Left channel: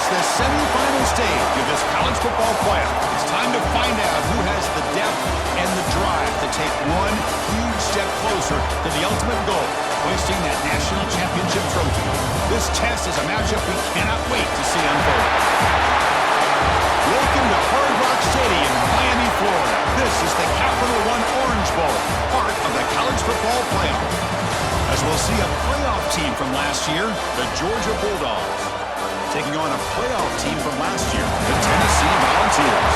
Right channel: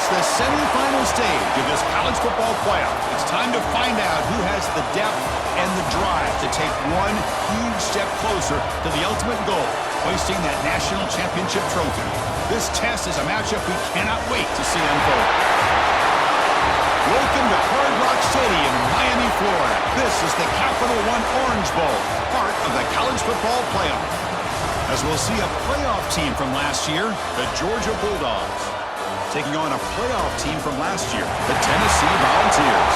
reach the semifinal stage of this college football playoff. It's time to find out who has the depth and the drive to take one huge step closer to the ultimate goal, hoisting that national championship trophy. This test is a matchup we cannot wait to see unfold. Welcome to Hard Rock Stadium in Miami, Florida. This is the Capital One Orange Bowl, part of the college football playoff. As we'll see a playoff team from last year, the Georgia Bulldogs, taking on a playoff team from last year, the Tennessee Volunteers.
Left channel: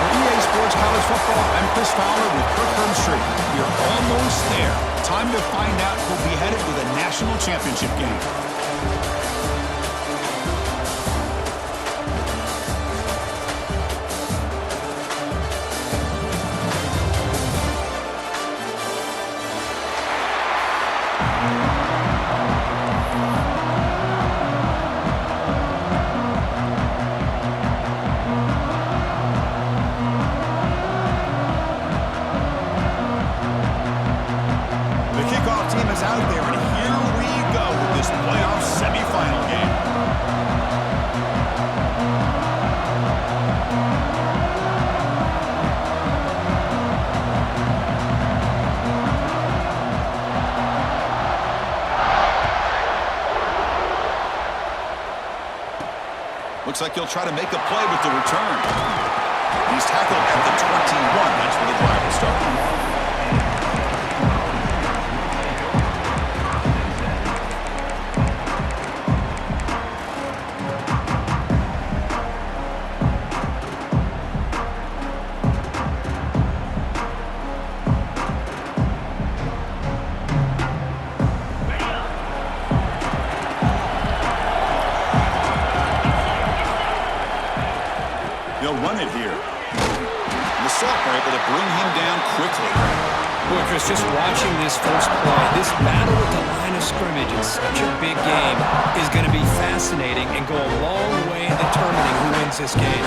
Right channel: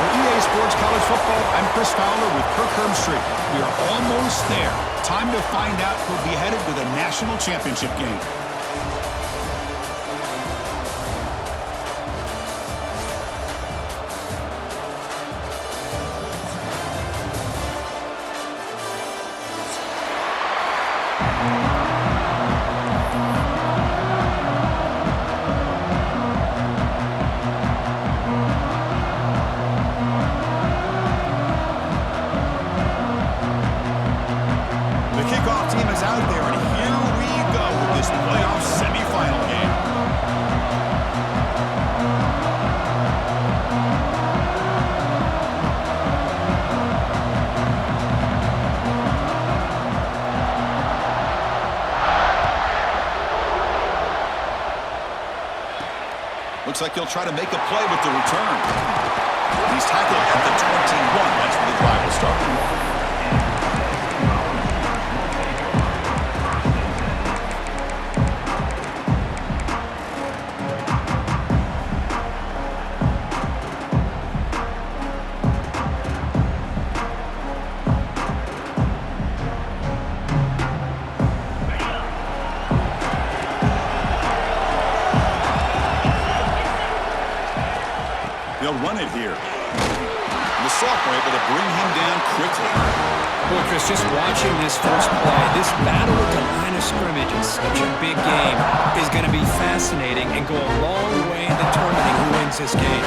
For EA Sports College Football, I'm Chris Fowler with Kirk Herbstreit. We are almost there. Time to find out who'll be headed to the national championship game. Out there, and here we go with this playoff semifinal game. Looks like he'll try to make a play with the return. He's tackled at the 21. That's where the drive will start. They'll run it here. The sophomore able to bring him down quickly. Boy, Chris, just watching this first play, this battle at the line of scrimmage in such a big game is going to be fascinating and go a long way in determining who wins this game.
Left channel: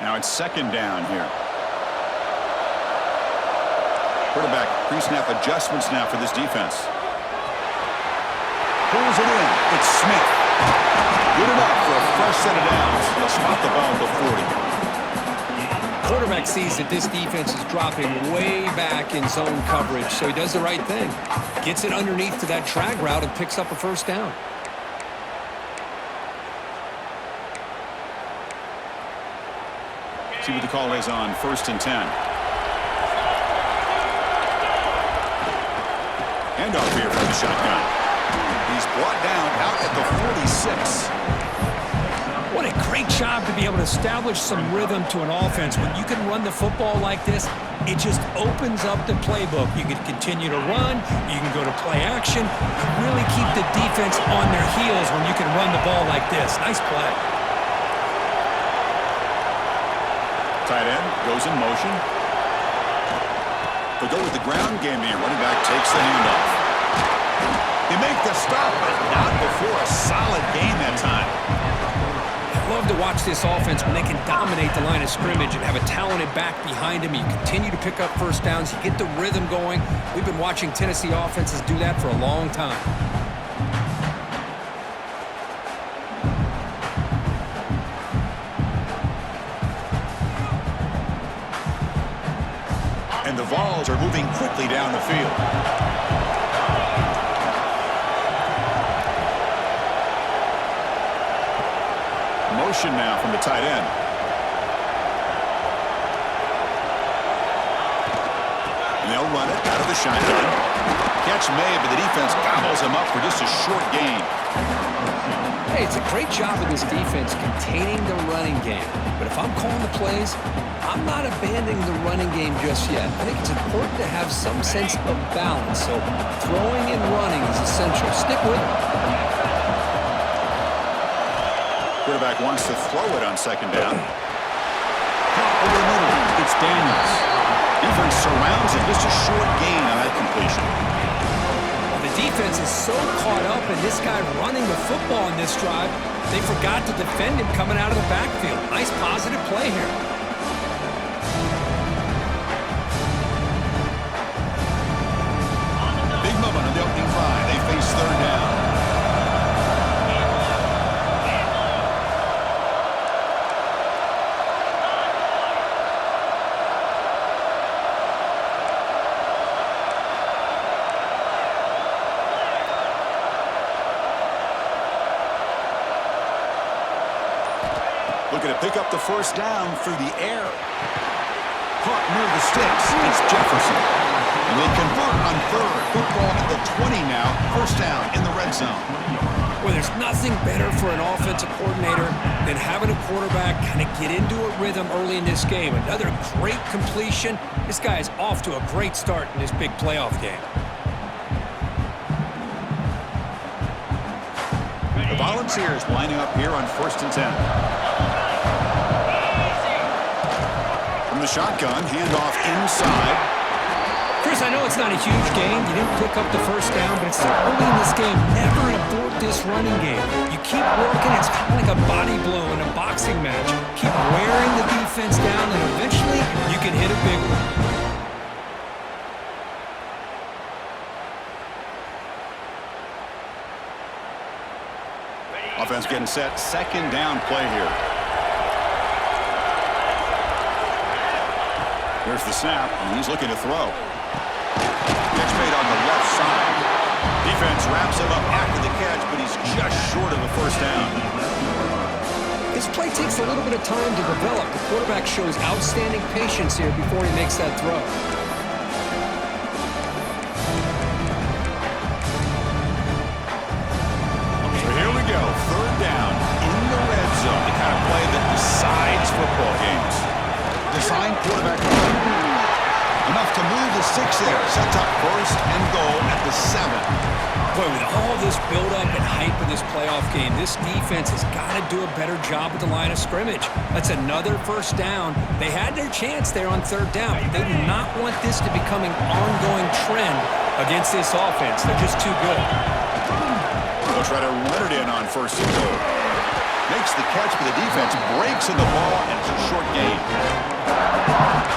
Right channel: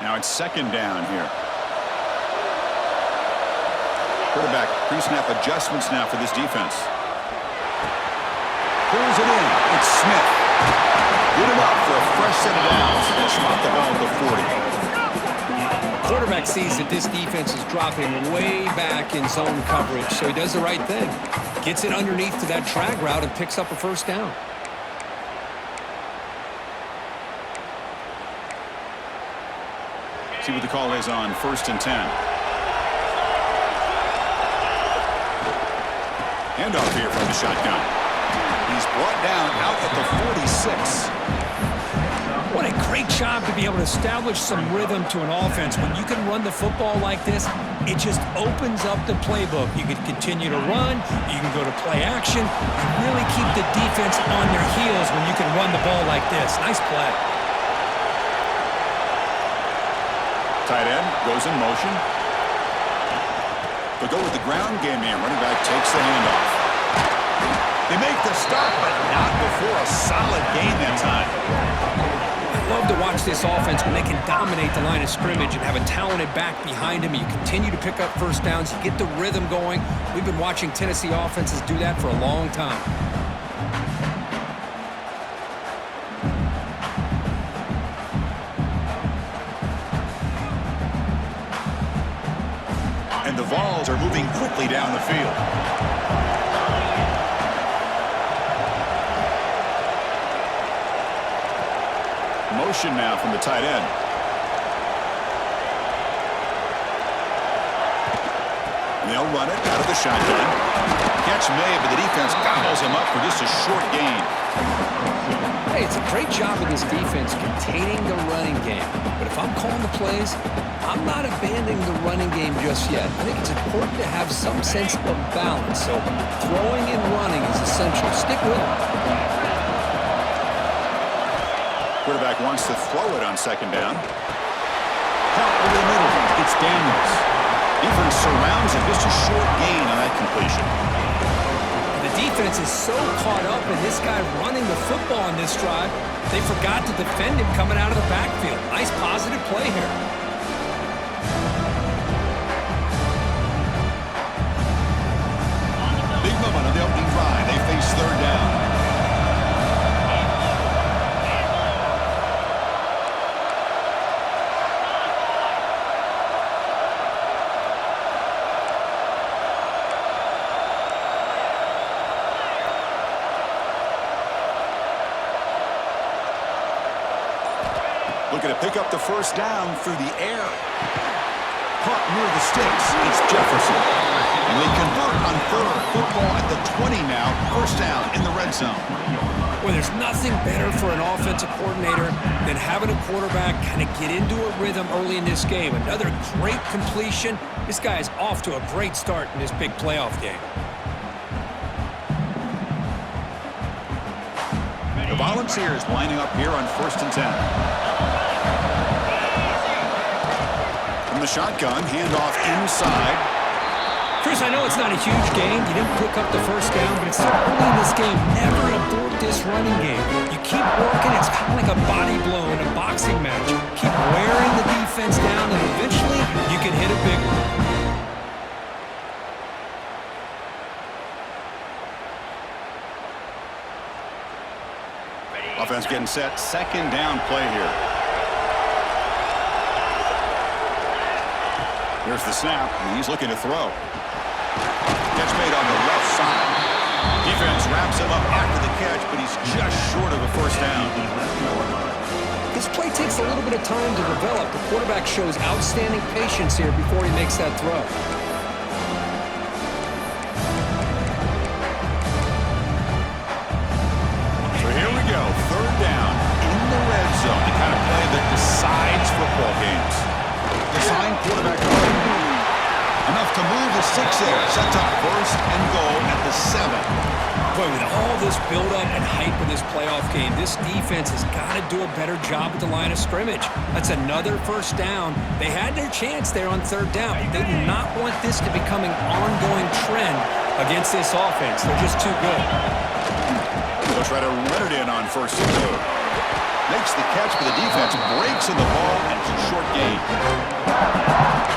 Now it's second down here. Quarterback pre-snap adjustments now for this defense. Pulls it in. It's Smith. Good enough for a fresh set of downs. They'll spot the ball at the 40. Quarterback sees that this defense is dropping way back in zone coverage, so he does the right thing. Gets it underneath to that drag route and picks up a first down. See what the call is on 1st and 10. Handoff here from the shotgun. He's brought down out at the 46. What a great job to be able to establish some rhythm to an offense. When you can run the football like this, it just opens up the playbook. You can continue to run. You can go to play action. You really keep the defense on their heels when you can run the ball like this. Nice play. Tight end goes in motion. They'll go with the ground game here. Running back takes the handoff. They make the stop, but not before a solid gain that time. I love to watch this offense when they can dominate the line of scrimmage and have a talented back behind them. You continue to pick up first downs. You get the rhythm going. We've been watching Tennessee offenses do that for a long time. And the Vols are moving quickly down the field. Motion now from the tight end. And they'll run it out of the shotgun. Catch made, but the defense gobbles him up for just a short gain. Hey, it's a great job of this defense containing the running game. But if I'm calling the plays, I'm not abandoning the running game just yet. I think it's important to have some sense of balance. So throwing and running is essential. Stick with it. Quarterback wants to throw it on second down. Caught over the middle. It's Daniels. Defense surrounds him. Just a short gain on that completion. The defense is so caught up in this guy running the football on this drive, they forgot to defend him coming out of the backfield. Nice positive play here. They face third down. Looking to pick up the first down through the air. Caught near the sticks. It's Jefferson. And they convert on third. Football at the 20 now. First down in the red zone. Well, there's nothing better for an offensive coordinator than having a quarterback kind of get into a rhythm early in this game. Another great completion. This guy is off to a great start in this big playoff game. The Volunteers lining up here on 1st and 10. From the shotgun, handoff inside. Chris, I know it's not a huge gain. You didn't pick up the first down, but it's so early in this game. Never abort this running game. You keep working. It's kind of like a body blow in a boxing match. Keep wearing the defense down, and eventually you can hit a big one. Offense getting set. Second down play here. Here's the snap, and he's looking to throw. Catch made on the left side. Defense wraps him up after the catch, but he's just short of a first down. This play takes a little bit of time to develop. The quarterback shows outstanding patience here before he makes that throw. So here we go. Third down in the red zone. The kind of play that decides football games. Design quarterback run. Enough to move the 6 there. Sets up first and goal at the 7. Boy, with all this build-up and hype in this playoff game, this defense has got to do a better job with the line of scrimmage. That's another first down. They had their chance there on third down, but they do not want this to become an ongoing trend against this offense. They're just too good. They'll try to run it in on first and goal. Makes the catch for the defense, breaks in the ball, and it's a short gain.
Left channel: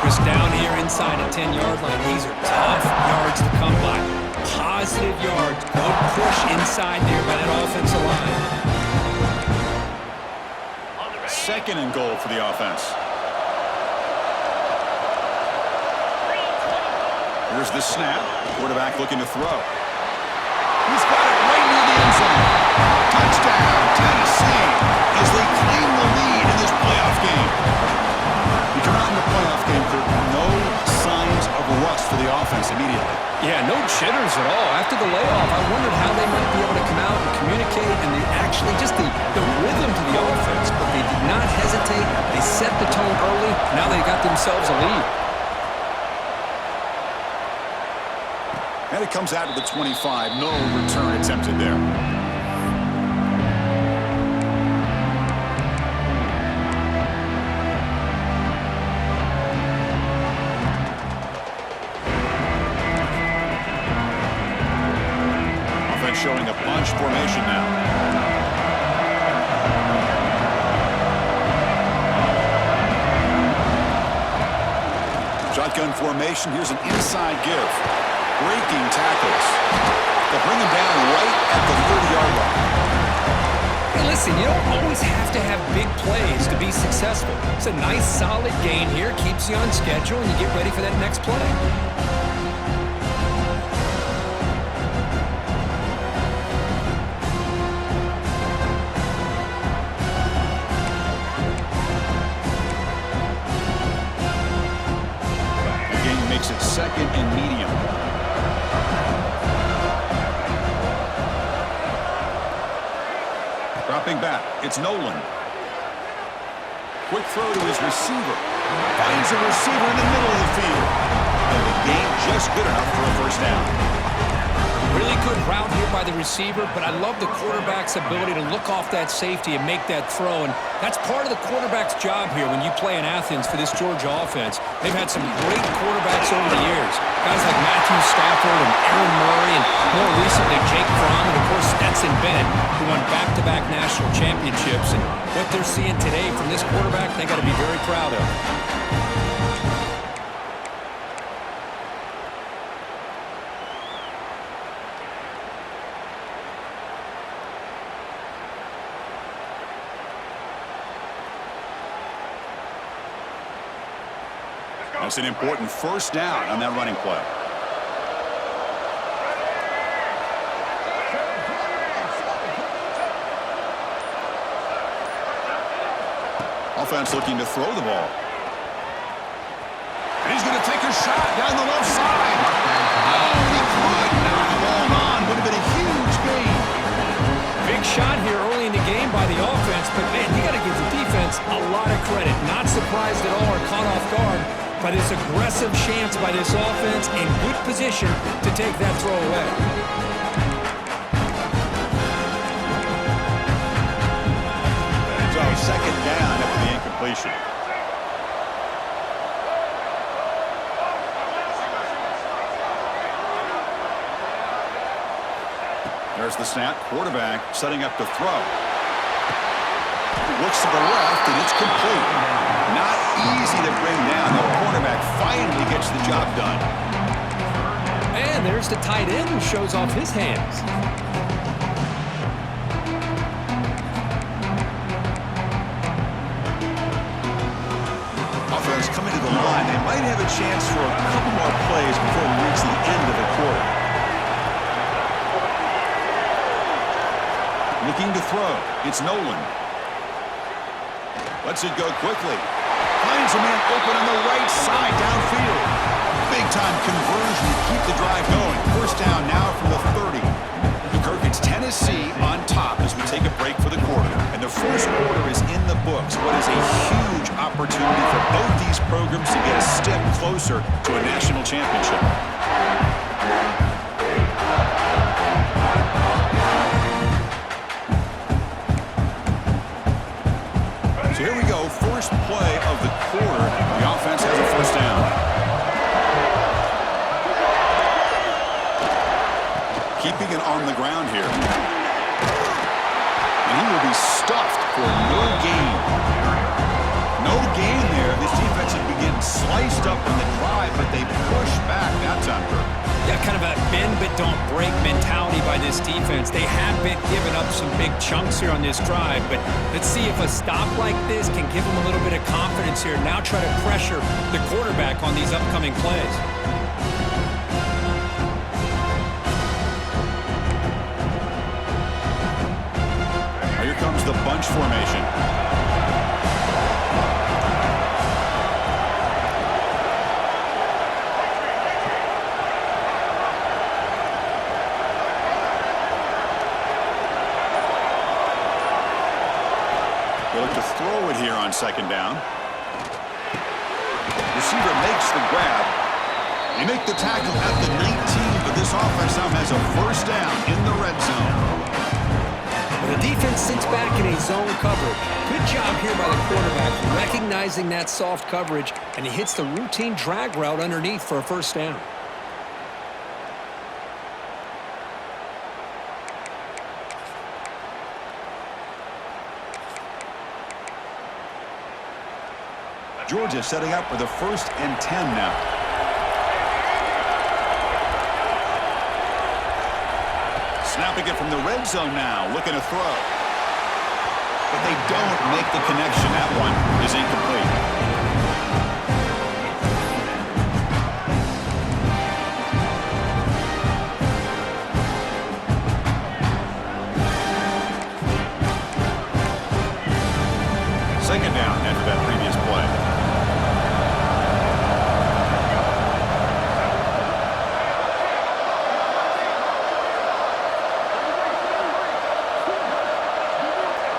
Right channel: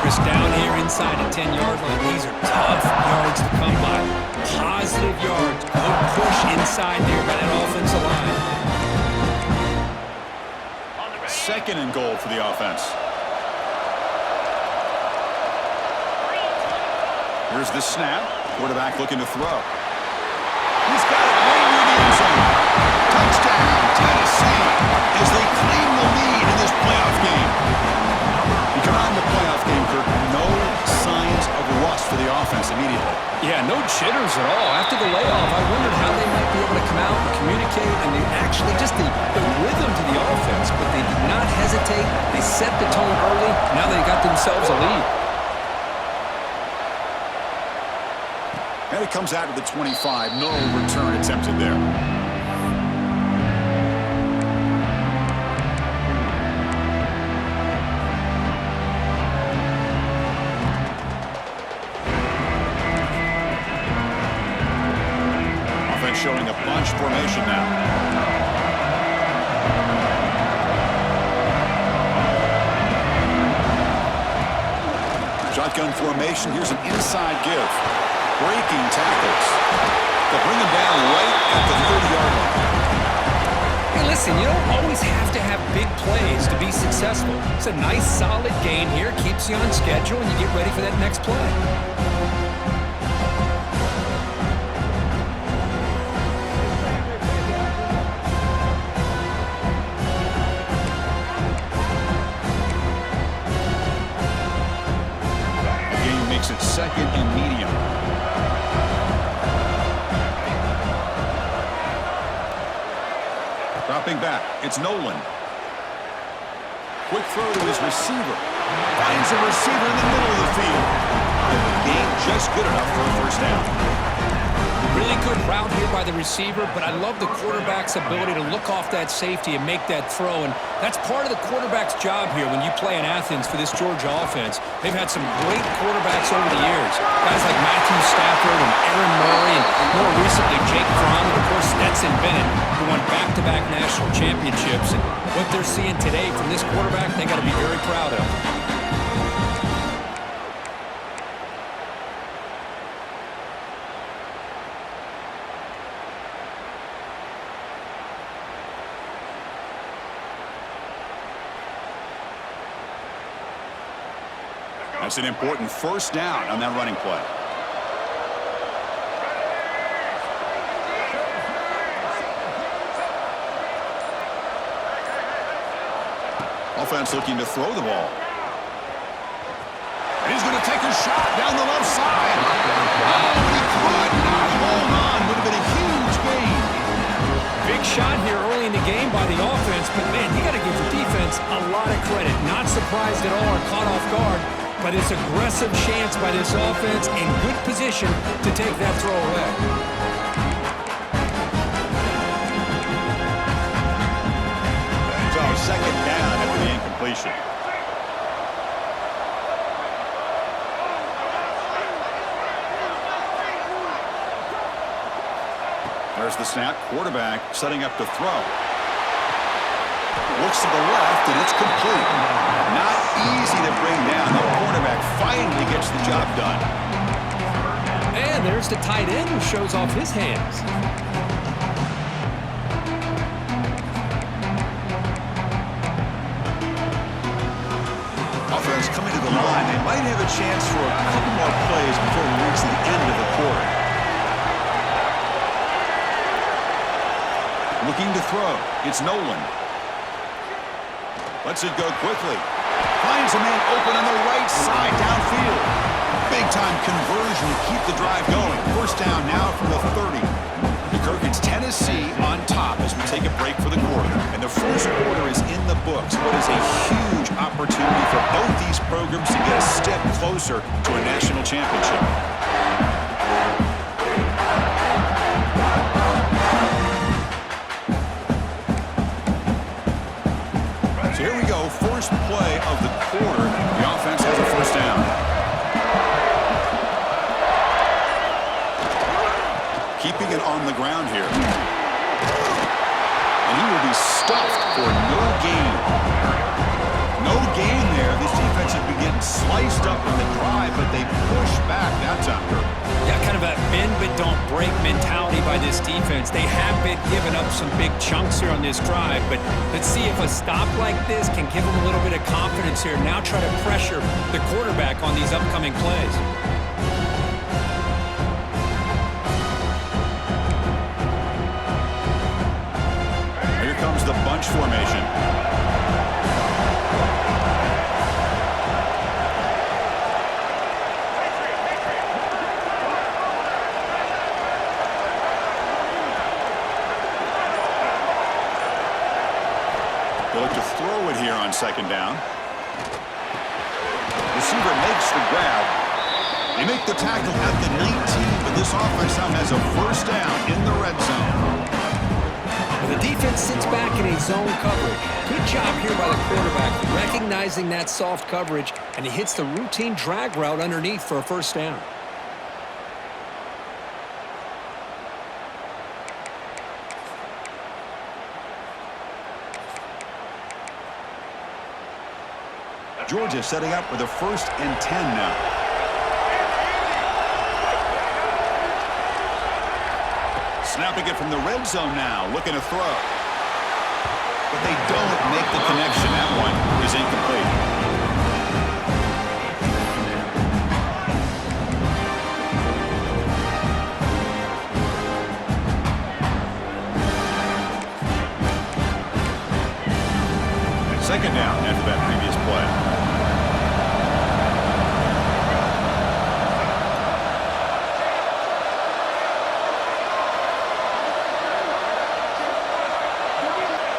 Chris, down here inside the 10-yard line. These are tough yards to come by. Positive yards. Good push inside there by that offensive line. Second and goal for the offense. Here's the snap. Quarterback looking to throw. He's got it right near the end zone. Touchdown, Tennessee, as they claim the lead in this playoff game. You come out in the playoff game, Kirk, no signs of rust for the offense immediately. Yeah, no jitters at all. After the layoff, I wondered how they might be able to come out and communicate, and actually just the rhythm to the offense, but they did not hesitate. They set the tone early. Now they got themselves a lead. And it comes out to the 25. No return attempted there. Offense showing a bunch formation now. Shotgun formation. Here's an inside give. Breaking tackles. They'll bring him down right at the 30-yard line. Hey, listen, you don't always have to have big plays to be successful. It's a nice, solid gain here. Keeps you on schedule, and you get ready for that next play. The game makes it second and medium. Dropping back, it's Nolan. Quick throw to his receiver. Finds a receiver in the middle of the field. And the gain just good enough for a first down. Really good route here by the receiver, but I love the quarterback's ability to look off that safety and make that throw, and that's part of the quarterback's job here when you play in Athens for this Georgia offense. They've had some great quarterbacks over the years, guys like Matthew Stafford and Aaron Murray, and more recently Jake Fromm, and of course Stetson Bennett, who won back-to-back national championships. And what they're seeing today from this quarterback, they got to be very proud of. That's an important first down on that running play. Offense looking to throw the ball. And he's going to take a shot down the left side. Oh, and he could not hold on. Would have been a huge gain. Big shot here early in the game by the offense, but, man, you got to give the defense a lot of credit. Not surprised at all or caught off guard, but it's aggressive chance by this offense in good position to take that throw away. So second down after the incompletion. There's the snap. Quarterback setting up to throw. Looks to the left, and it's complete. Not easy to bring down. The quarterback finally gets the job done. And there's the tight end who shows off his hands. Offense coming to the line. They might have a chance for a couple more plays before we reach the end of the quarter. Looking to throw. It's Nolan. Lets it go quickly. Finds a man open on the right side downfield. Big-time conversion to keep the drive going. First down now from the 30. Kirk, it's Tennessee on top as we take a break for the quarter. And the first quarter is in the books. What is a huge opportunity for both these programs to get a step closer to a national championship. So here we go, first play of the quarter. The offense has a first down. Keeping it on the ground here. And he will be stuffed for no gain. No gain there. This defense has been getting sliced up on the drive, but they push back that time, Kirk. Yeah, kind of a bend but don't break mentality by this defense. They have been giving up some big chunks here on this drive, but let's see if a stop like this can give them a little bit of confidence here. Now try to pressure the quarterback on these upcoming plays. Here comes the bunch formation. They look to throw it here on second down. Receiver makes the grab. They make the tackle at the 19, but this offense now has a first down in the red zone. The defense sits back in a zone coverage. Good job here by the quarterback, recognizing that soft coverage, and he hits the routine drag route underneath for a first down. Georgia setting up with a 1st and 10 now. Snapping it from the red zone now, looking to throw. But they don't make the connection. That one is incomplete. Second down after that previous play.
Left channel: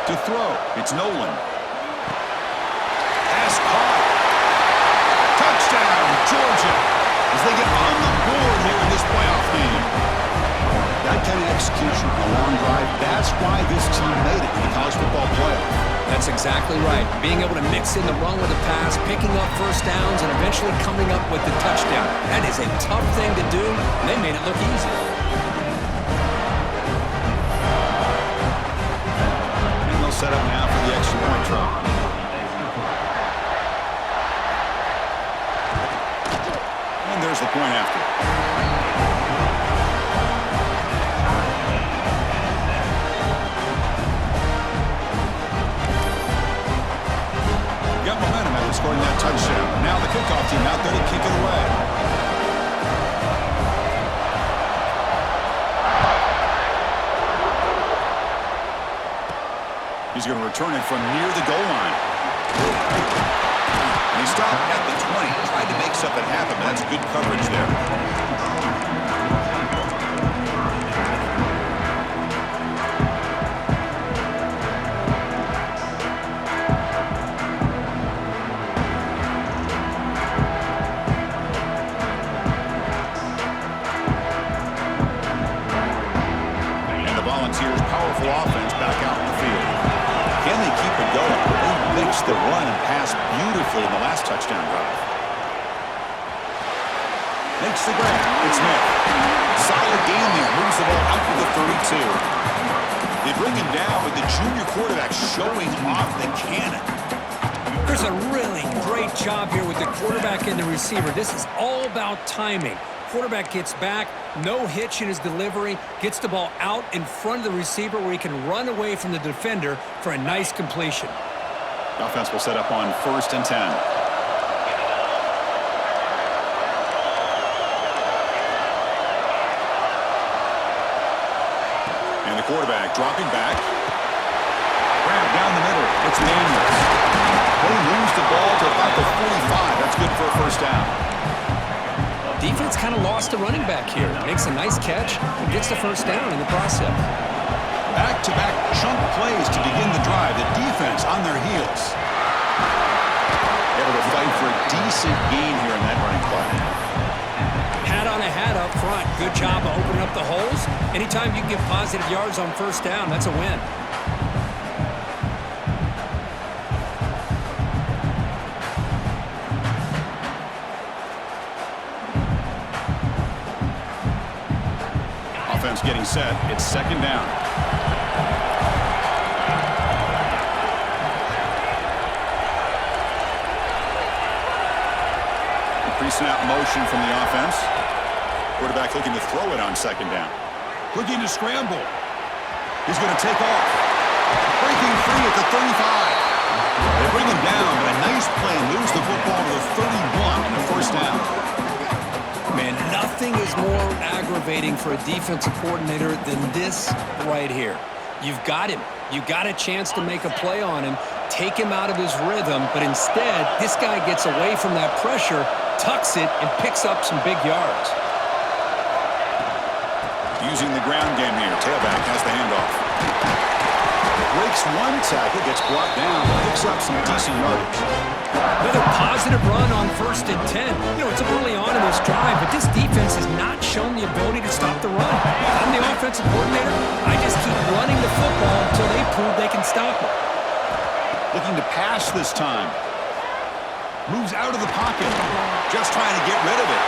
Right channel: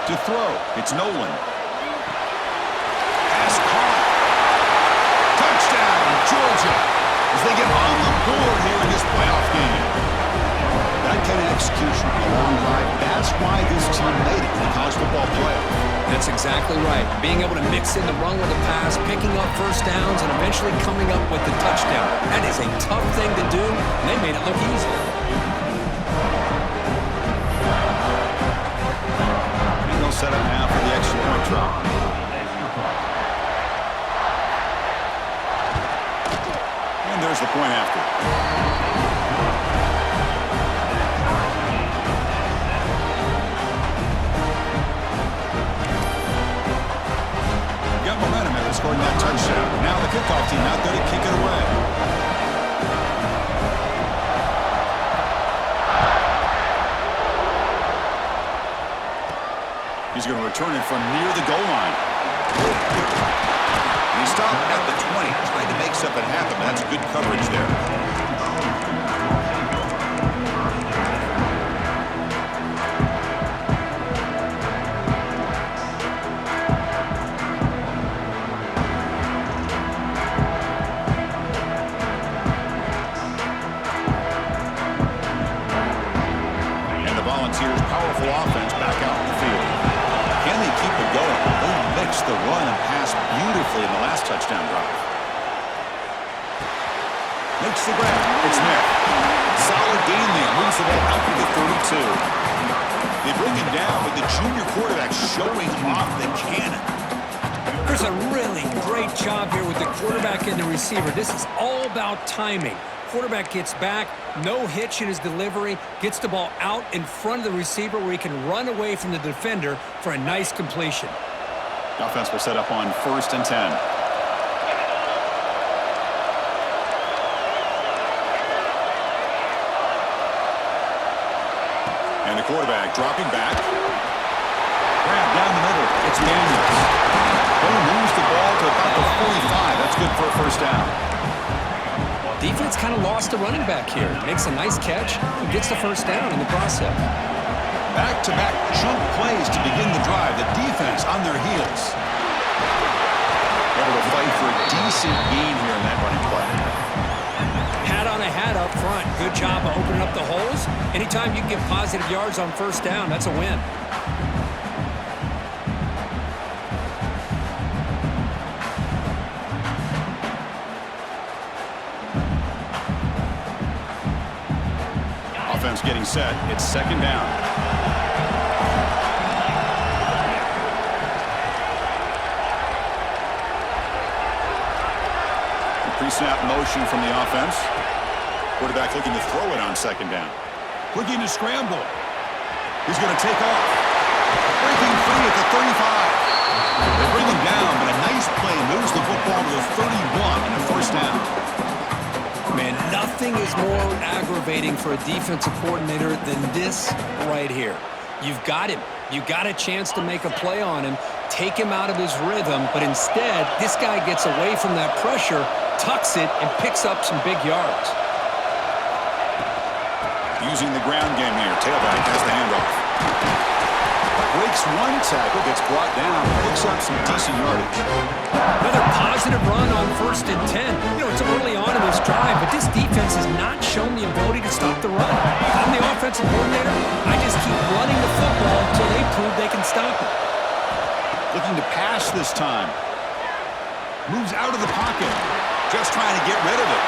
To throw, it's Nolan. Pass caught. Touchdown, Georgia, as they get on the board here in this playoff game. That kind of execution, a long drive, that's why this team made it in the college football playoff. That's exactly right. Being able to mix in the run with the pass, picking up first downs, and eventually coming up with the touchdown. That is a tough thing to do, and they made it look easy. Set up now for the extra point try. And there's the point after. Got momentum after scoring that touchdown. Now the kickoff team out there to kick it away. He's going to return it from near the goal line. And he stopped at the 20. Tried to make something happen, but that's good coverage there. Volunteers' powerful offense back out in the field. Can they keep it going? They mixed the run and pass beautifully in the last touchdown drive. Makes the grab. It's Smith. Solid gain there. Moves the ball out to the 32. They bring him down with the junior quarterback showing off the cannon. Chris, a really great job here with the quarterback and the receiver. This is all about timing. Quarterback gets back, no hitch in his delivery, gets the ball out in front of the receiver where he can run away from the defender for a nice completion. The offense will set up on 1st and 10. And the quarterback dropping back. Grab down the middle. It's Daniels. He'll lose the ball to about the 45. That's good for a first down. Defense kind of lost the running back here. Makes a nice catch and gets the first down in the process. Back-to-back chunk plays to begin the drive. The defense on their heels. Able to fight for a decent gain here in that running play. Hat on a hat up front. Good job of opening up the holes. Anytime you can get positive yards on first down, that's a win. Offense getting set. It's 2nd down. A pre-snap motion from the offense. Quarterback looking to throw it on 2nd down. Looking to scramble. He's going to take off. Breaking free at the 35. They bring him down, but a nice play moves the football to the 31 and a first down. Man, nothing is more aggravating for a defensive coordinator than this right here. You've got him. You got a chance to make a play on him, take him out of his rhythm, but instead, this guy gets away from that pressure, tucks it, and picks up some big yards. Using the ground game here. Tailback has the handoff. Breaks one tackle, gets brought down, picks up some decent yardage. Another positive run on 1st and 10. You know, it's early on in this drive, but this defense has not shown the ability to stop the run. If I'm the offensive coordinator, I just keep running the football until they prove they can stop it. Looking to pass this time. Moves out of the pocket. Just trying to get rid of it.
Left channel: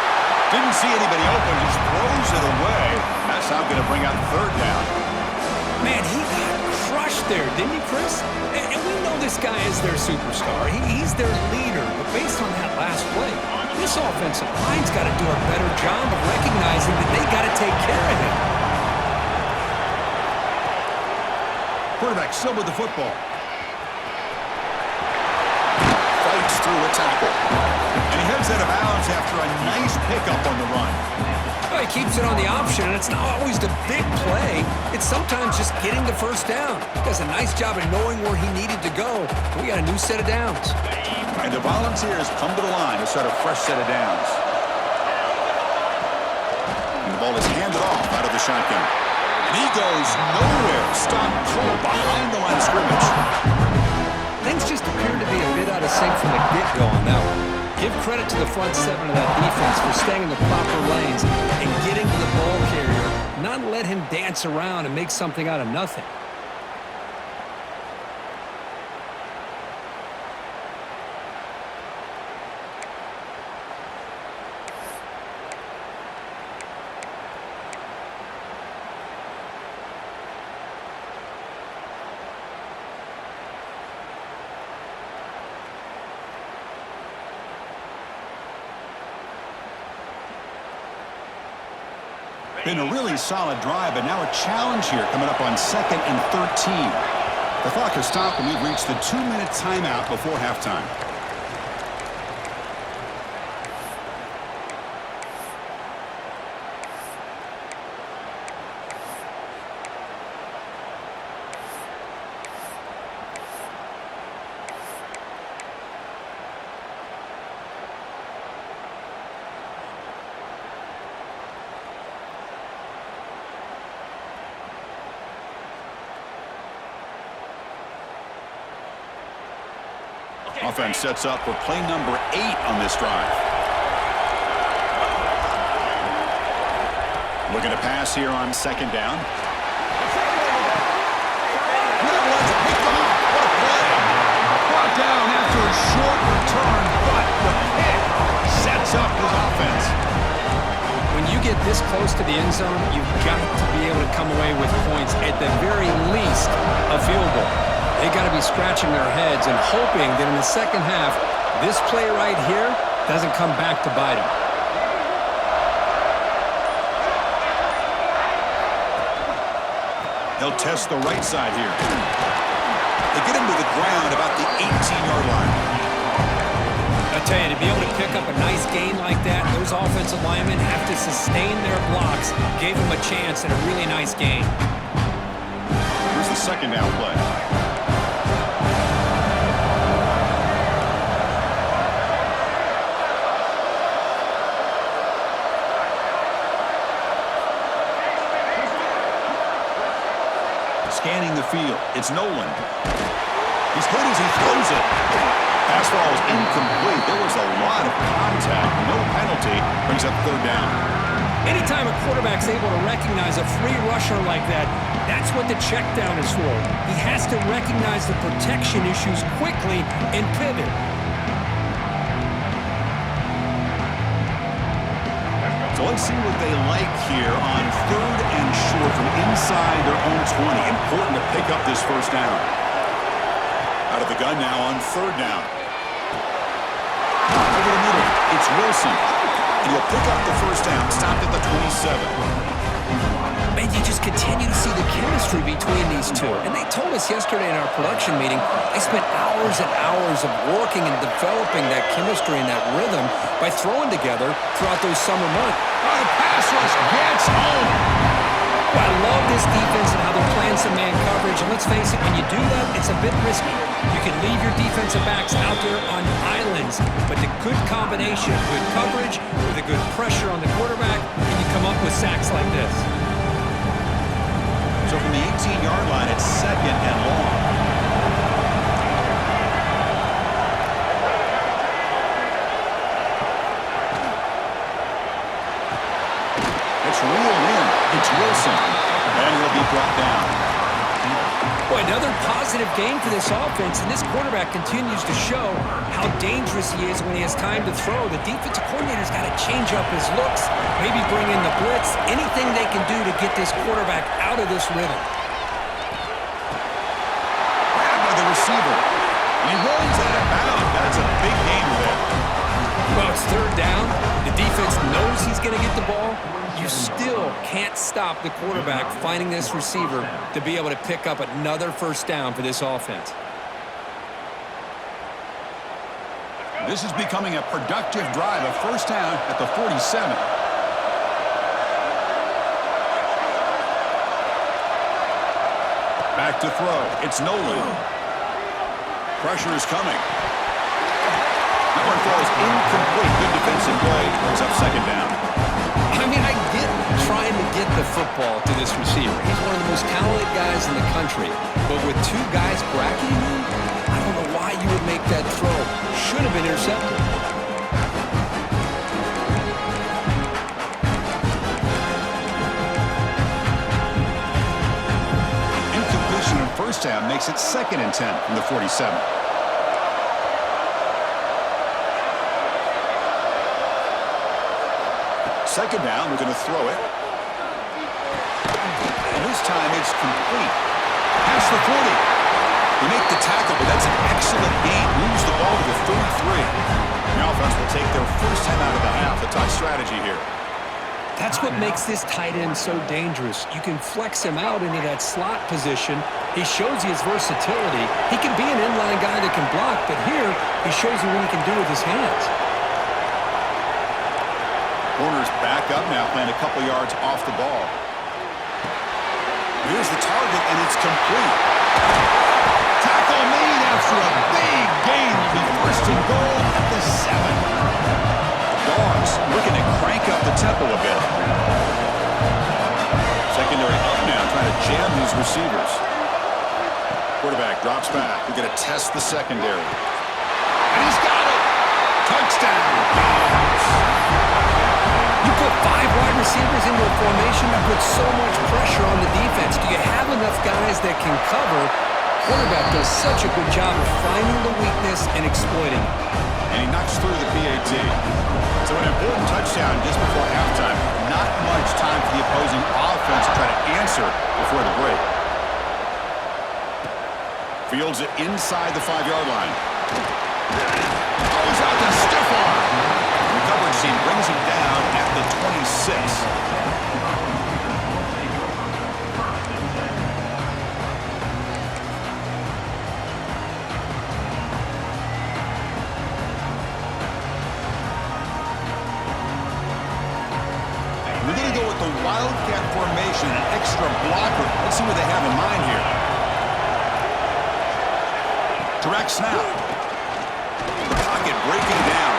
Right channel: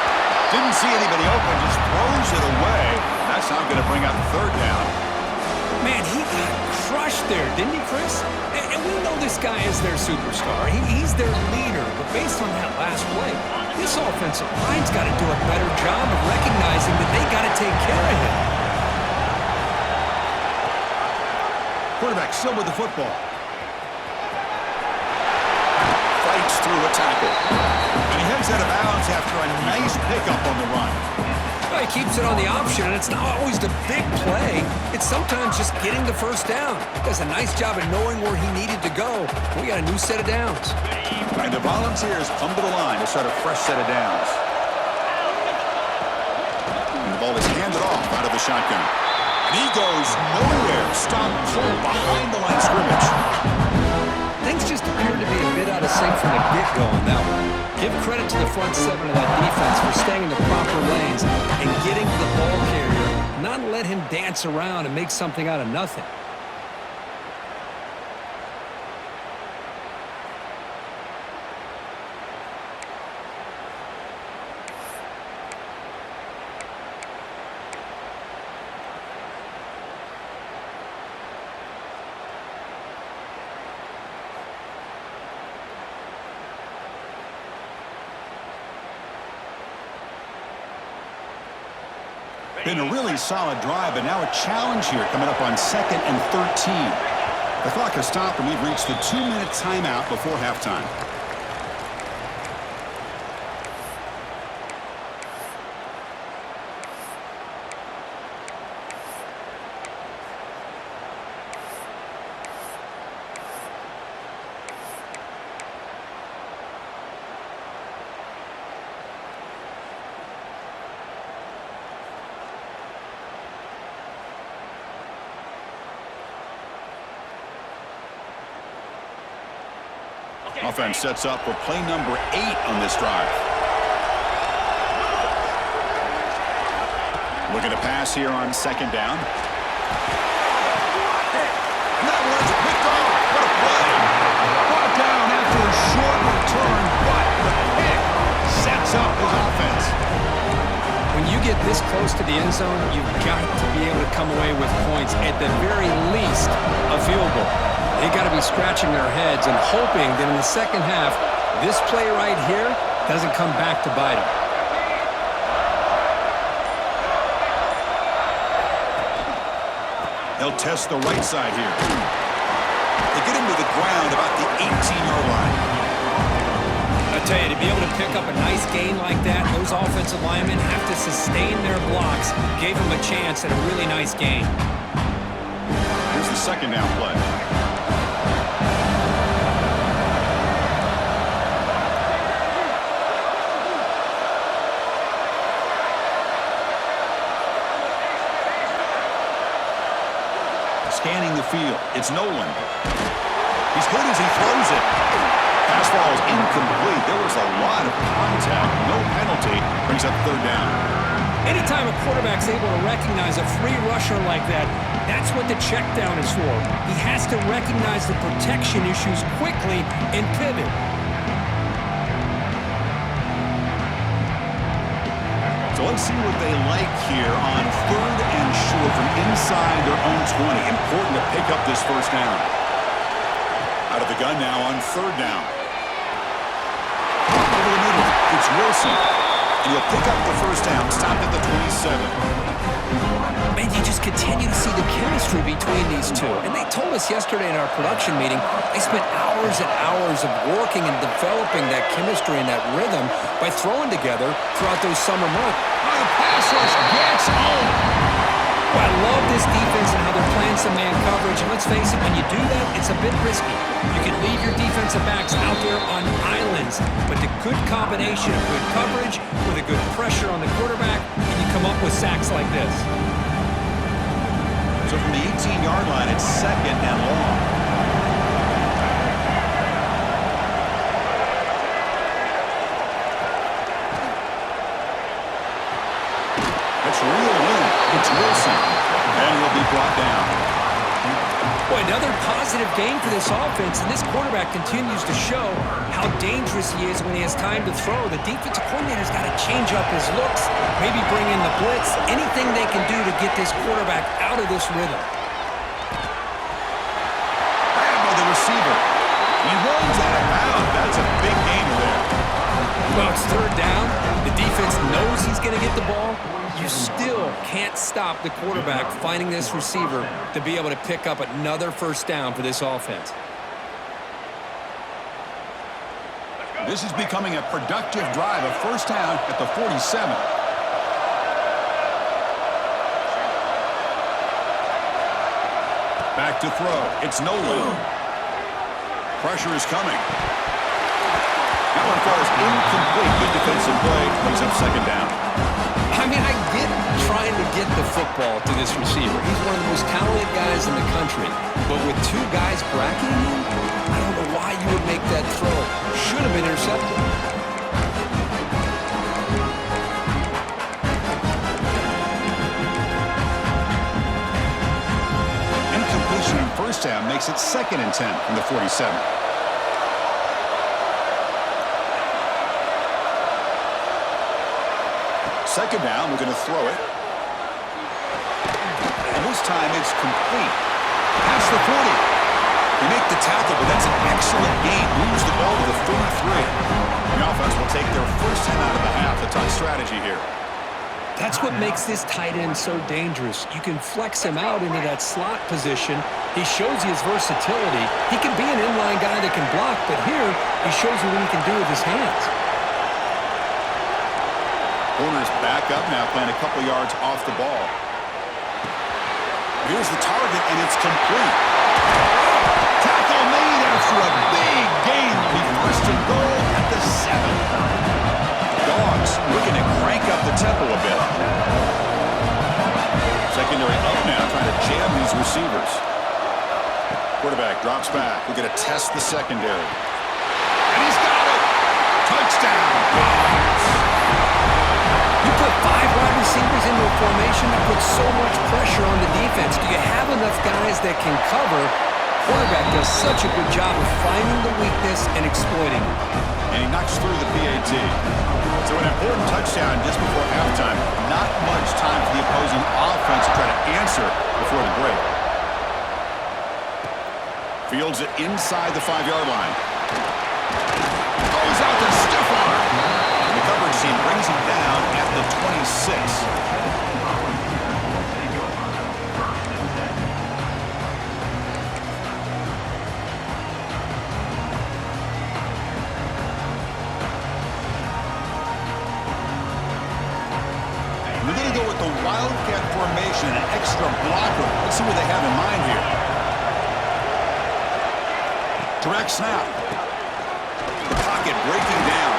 Didn't see anybody open, just throws it away. That's now going to bring out 3rd down. Man, he got crushed there, didn't he, Chris? And we know this guy is their superstar. He's their leader. But based on that last play, this offensive line's got to do a better job of recognizing that they got to take care of him. Quarterback still with the football. Fights through a tackle. And he heads out of bounds after a nice pickup on the run. Well, he keeps it on the option, and it's not always the big play. It's sometimes just getting the first down. He does a nice job of knowing where he needed to go. We got a new set of downs. And the Volunteers come to the line to start a fresh set of downs. And the ball is handed off out of the shotgun. And he goes nowhere. Stopped cold behind the line of scrimmage. Things just appeared to be a bit out of sync from the get-go on that one. Give credit to the front 7 of that defense for staying in the proper lanes and getting to the ball carrier, not let him dance around and make something out of nothing. Been a really solid drive, but now a challenge here coming up on 2nd and 13. The clock has stopped, and we've reached the 2-minute timeout before halftime. Offense sets up for play number 8 on this drive. Looking to pass here on second down. And that one's picked off. What a play. Brought down after a short return, but the pick sets up his offense. When you get this close to the end zone, you've got to be able to come away with points, at the very least, a field goal. They got to be scratching their heads and hoping that in the second half, this play right here doesn't come back to bite them. He'll test the right side here. They get him to the ground about the 18-yard line. I tell you, to be able to pick up a nice gain like that, those offensive linemen have to sustain their blocks. Gave them a chance at a really nice gain. Here's the second down play. Scanning the field. It's Nolan. He's hit as he throws it. Pass falls incomplete. There was a lot of contact. No penalty. Brings up third down. Anytime a quarterback's able to recognize a free rusher like that, that's what the check down is for. He has to recognize the protection issues quickly and pivot. So let's see what they like here on third and short from inside their own 20. Important to pick up this first down. Out of the gun now on third down. Over the middle, it's Wilson. And he'll pick up the first down, stopped at the 27. Man, you just continue to see the chemistry between these two. And they told us yesterday in our production meeting, they spent hours and hours of working and developing that chemistry and that rhythm by throwing together throughout those summer months. Oh, the pass rush gets home. Well, I love this defense and how they're playing some man coverage. And let's face it, when you do that, it's a bit risky. You can leave your defensive backs out there on islands, but the good combination of good coverage with a good pressure on the quarterback, and you come up with sacks like this. So from the 18-yard line, it's second and long. It's reeled in. It's Wilson. And he'll be brought down. Boy, another positive game for this offense, and this quarterback continues to show how dangerous he is when he has time to throw. The defensive coordinator's got to change up his looks, maybe bring in the blitz, anything they can do to get this quarterback out of this rhythm. Grabbed by the receiver. He runs out of bounds. That's a big gainer there. Well, it's third down. The defense knows he's going to get the ball. You still can't stop the quarterback finding this receiver to be able to pick up another first down for this offense. This is becoming a productive drive, a first down at the 47. Back to throw. It's Nolan. Pressure is coming. That one falls incomplete. Good defensive play. Brings up second down. I mean, I get trying to get the football to this receiver. He's one of the most talented guys in the country. But with two guys bracketing him, I don't know why you would make that throw. Should have been intercepted. Incompletion on first down makes it 2nd and 10 from the 47. Second down, we're going to throw it. And this time it's complete. Past the 40. They make the tackle, but that's an excellent gain. Moves the ball to the 33. The offense will take their first time out of the half. The tough strategy here. That's what makes this tight end so dangerous. You can flex him out into that slot position. He shows you his versatility. He can be an inline guy that can block, but here he shows you what he can do with his hands. Corner's back up now, playing a couple yards off the ball. Here's the target, and it's complete. Tackle made after a big gain. Will be first and goal at the 7. The Dogs looking to crank up the tempo a bit. Secondary up now, trying to jam these receivers. Quarterback drops back. We're going to test the secondary. And he's got it. Touchdown, Dogs. You put 5 wide receivers into a formation that puts so much pressure on the defense. Do you have enough guys that can cover? Quarterback does such a good job of finding the weakness and exploiting it. And he knocks through the PAT. So an important touchdown just before halftime. Not much time for the opposing offense to try to answer before the break. Fields it inside the 5-yard line. Throws out the stiff arm. The coverage team brings him down at the 26. We're going to go with the Wildcat formation, an extra blocker. Let's see what they have in mind here. Direct snap. The pocket breaking down.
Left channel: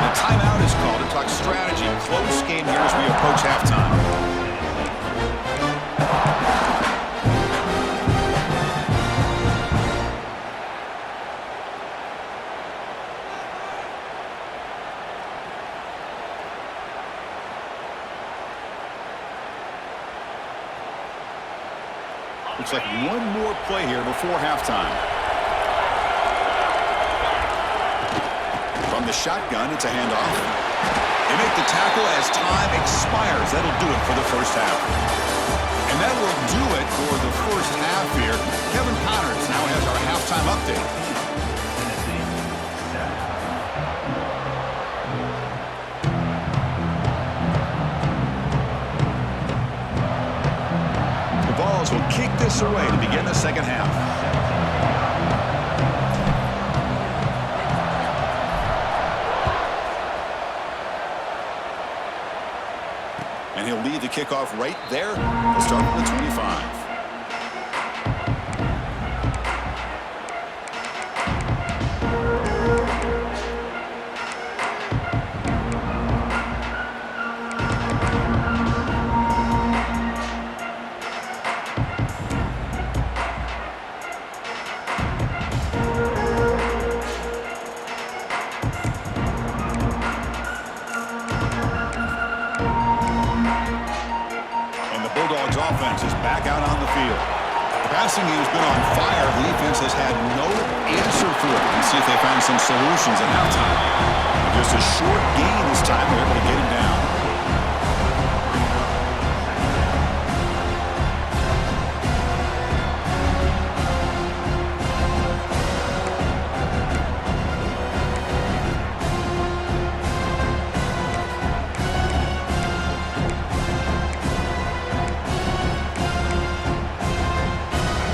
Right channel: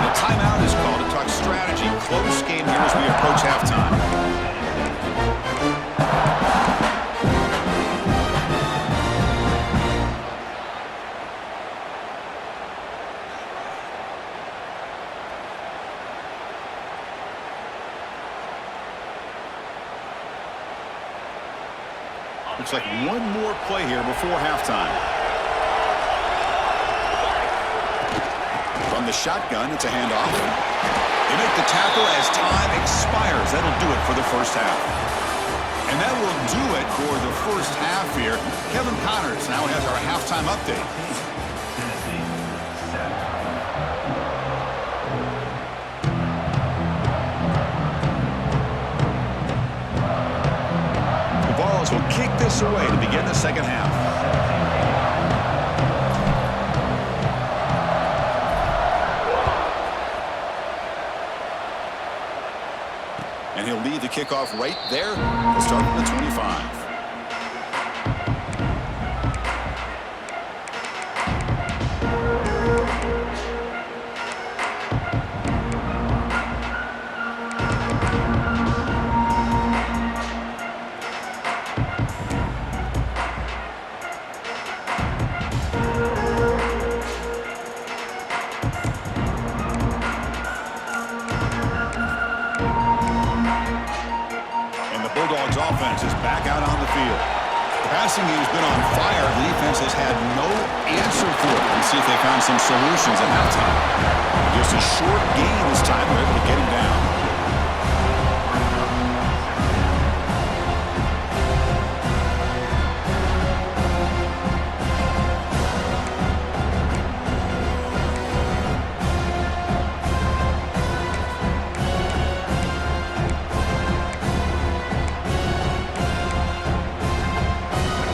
The timeout is called to talk strategy. Close game here as we approach halftime. Looks like one more play here before halftime. From the shotgun, it's a handoff. They make the tackle as time expires. That'll do it for the first half. And that will do it for the first half here. Kevin Connors now has our halftime update. Will kick this away to begin the second half. And he'll lead the kickoff right there. We'll start from the 25. Offense is back out on the field. The passing game has been on fire. The defense has had no answer for it. Let's see if they found some solutions at halftime. But just a short gain this time. They're able to get him down.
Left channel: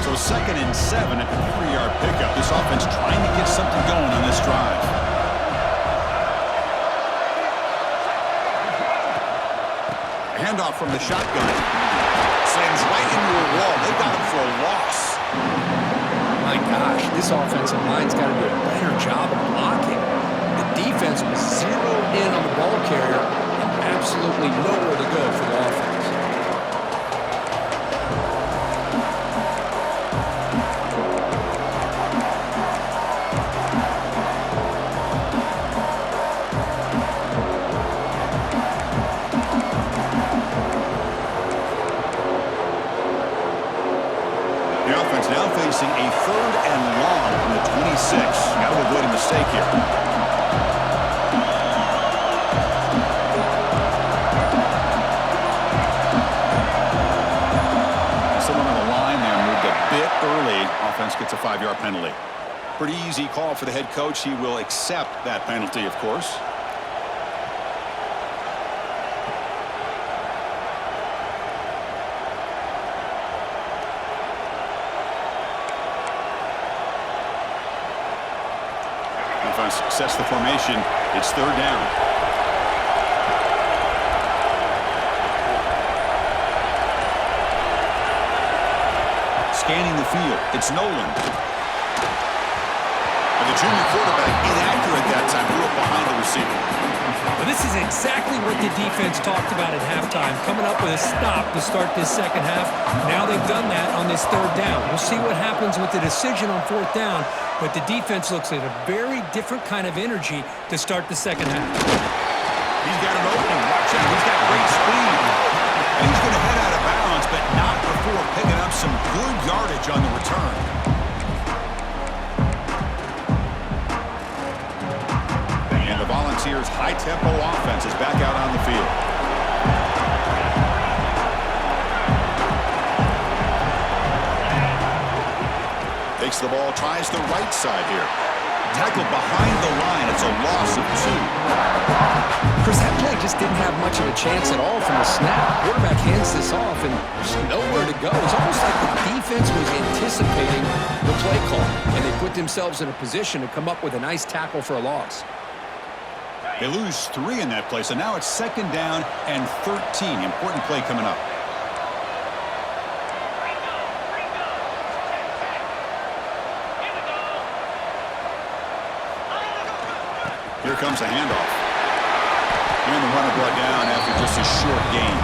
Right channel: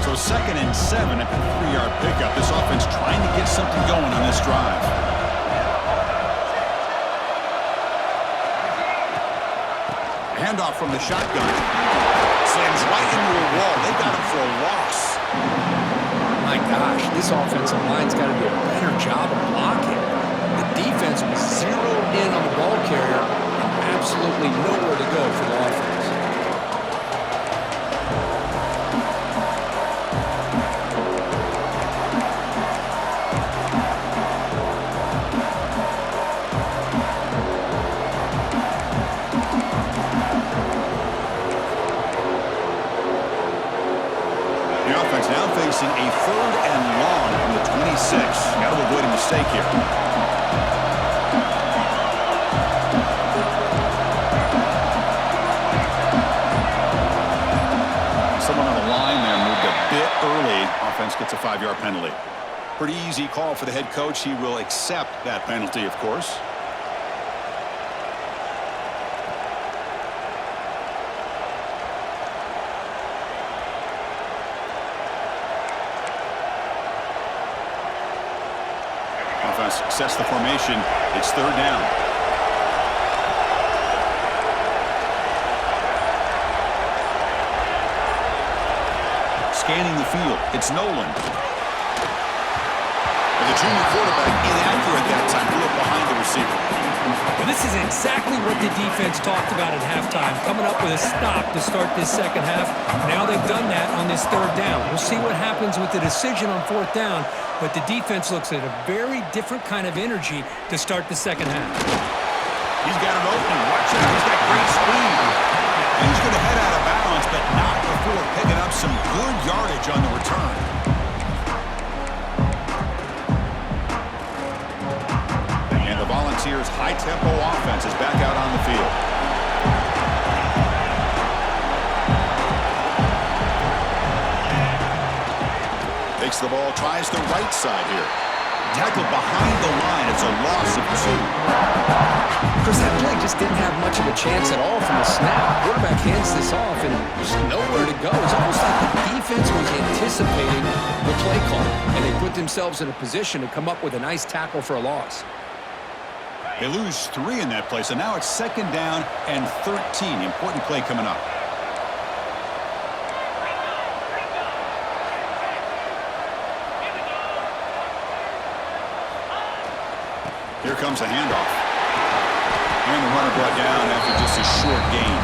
So 2nd and 7 at the 3-yard pickup. This offense trying to get something going on this drive. Handoff from the shotgun. Slams right into a wall. They got him for a loss. My gosh, this offensive line's got to do a better job of blocking. The defense was zeroed in on the ball carrier and absolutely nowhere to go for the offense. The offense now facing a 3rd and long from the 26. Got to avoid a mistake here. Someone on the line there moved a bit early. Offense gets a 5-yard penalty. Pretty easy call for the head coach. He will accept that penalty, of course. Offense sets the formation. It's 3rd down. Scanning the field. It's Nolan. And the junior quarterback inaccurate that time. Threw it behind the receiver. But this is exactly what the defense talked about at halftime, coming up with a stop to start this second half. Now they've done that on this third down. We'll see what happens with the decision on fourth down, but the defense looks at a very different kind of energy to start the second half. He's got an opening. Watch out. He's got great speed. And he's going to head out of bounds, but not before picking up some good yardage on the return. And the Volunteers' high-tempo offense is back out on the field. Takes the ball, tries the right side here. Tackled behind the line. It's a loss of 2. Chris, that play just didn't have much of a chance at all from the snap. Quarterback hands this off and just nowhere to go. It's almost like the defense was anticipating the play call, and they put themselves in a position to come up with a nice tackle for a loss. They lose 3 in that play, so now it's second down and 13. Important play coming up. Here comes a handoff. And the runner brought down after just a short gain.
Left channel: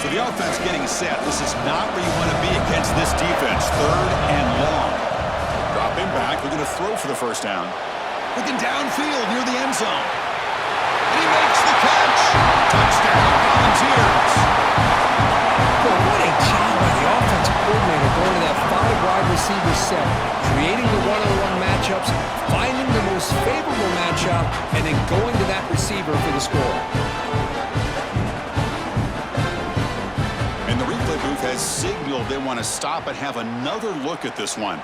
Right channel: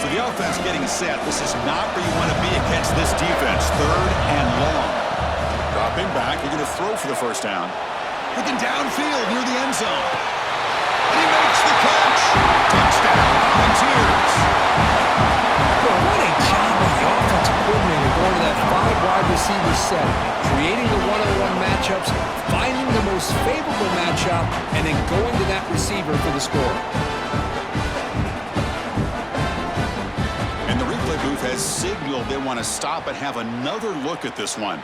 So the offense getting set. This is not where you want to be against this defense. Third and long. Dropping back. They're going to throw for the first down. Looking downfield near the end zone. And he makes the catch. Touchdown, Volunteers. Well, what a job by the offensive coordinator going to that 5-wide receiver set, creating the one-on-one matchups, finding the most favorable matchup, and then going to that receiver for the score. And the replay booth has signaled they want to stop and have another look at this one.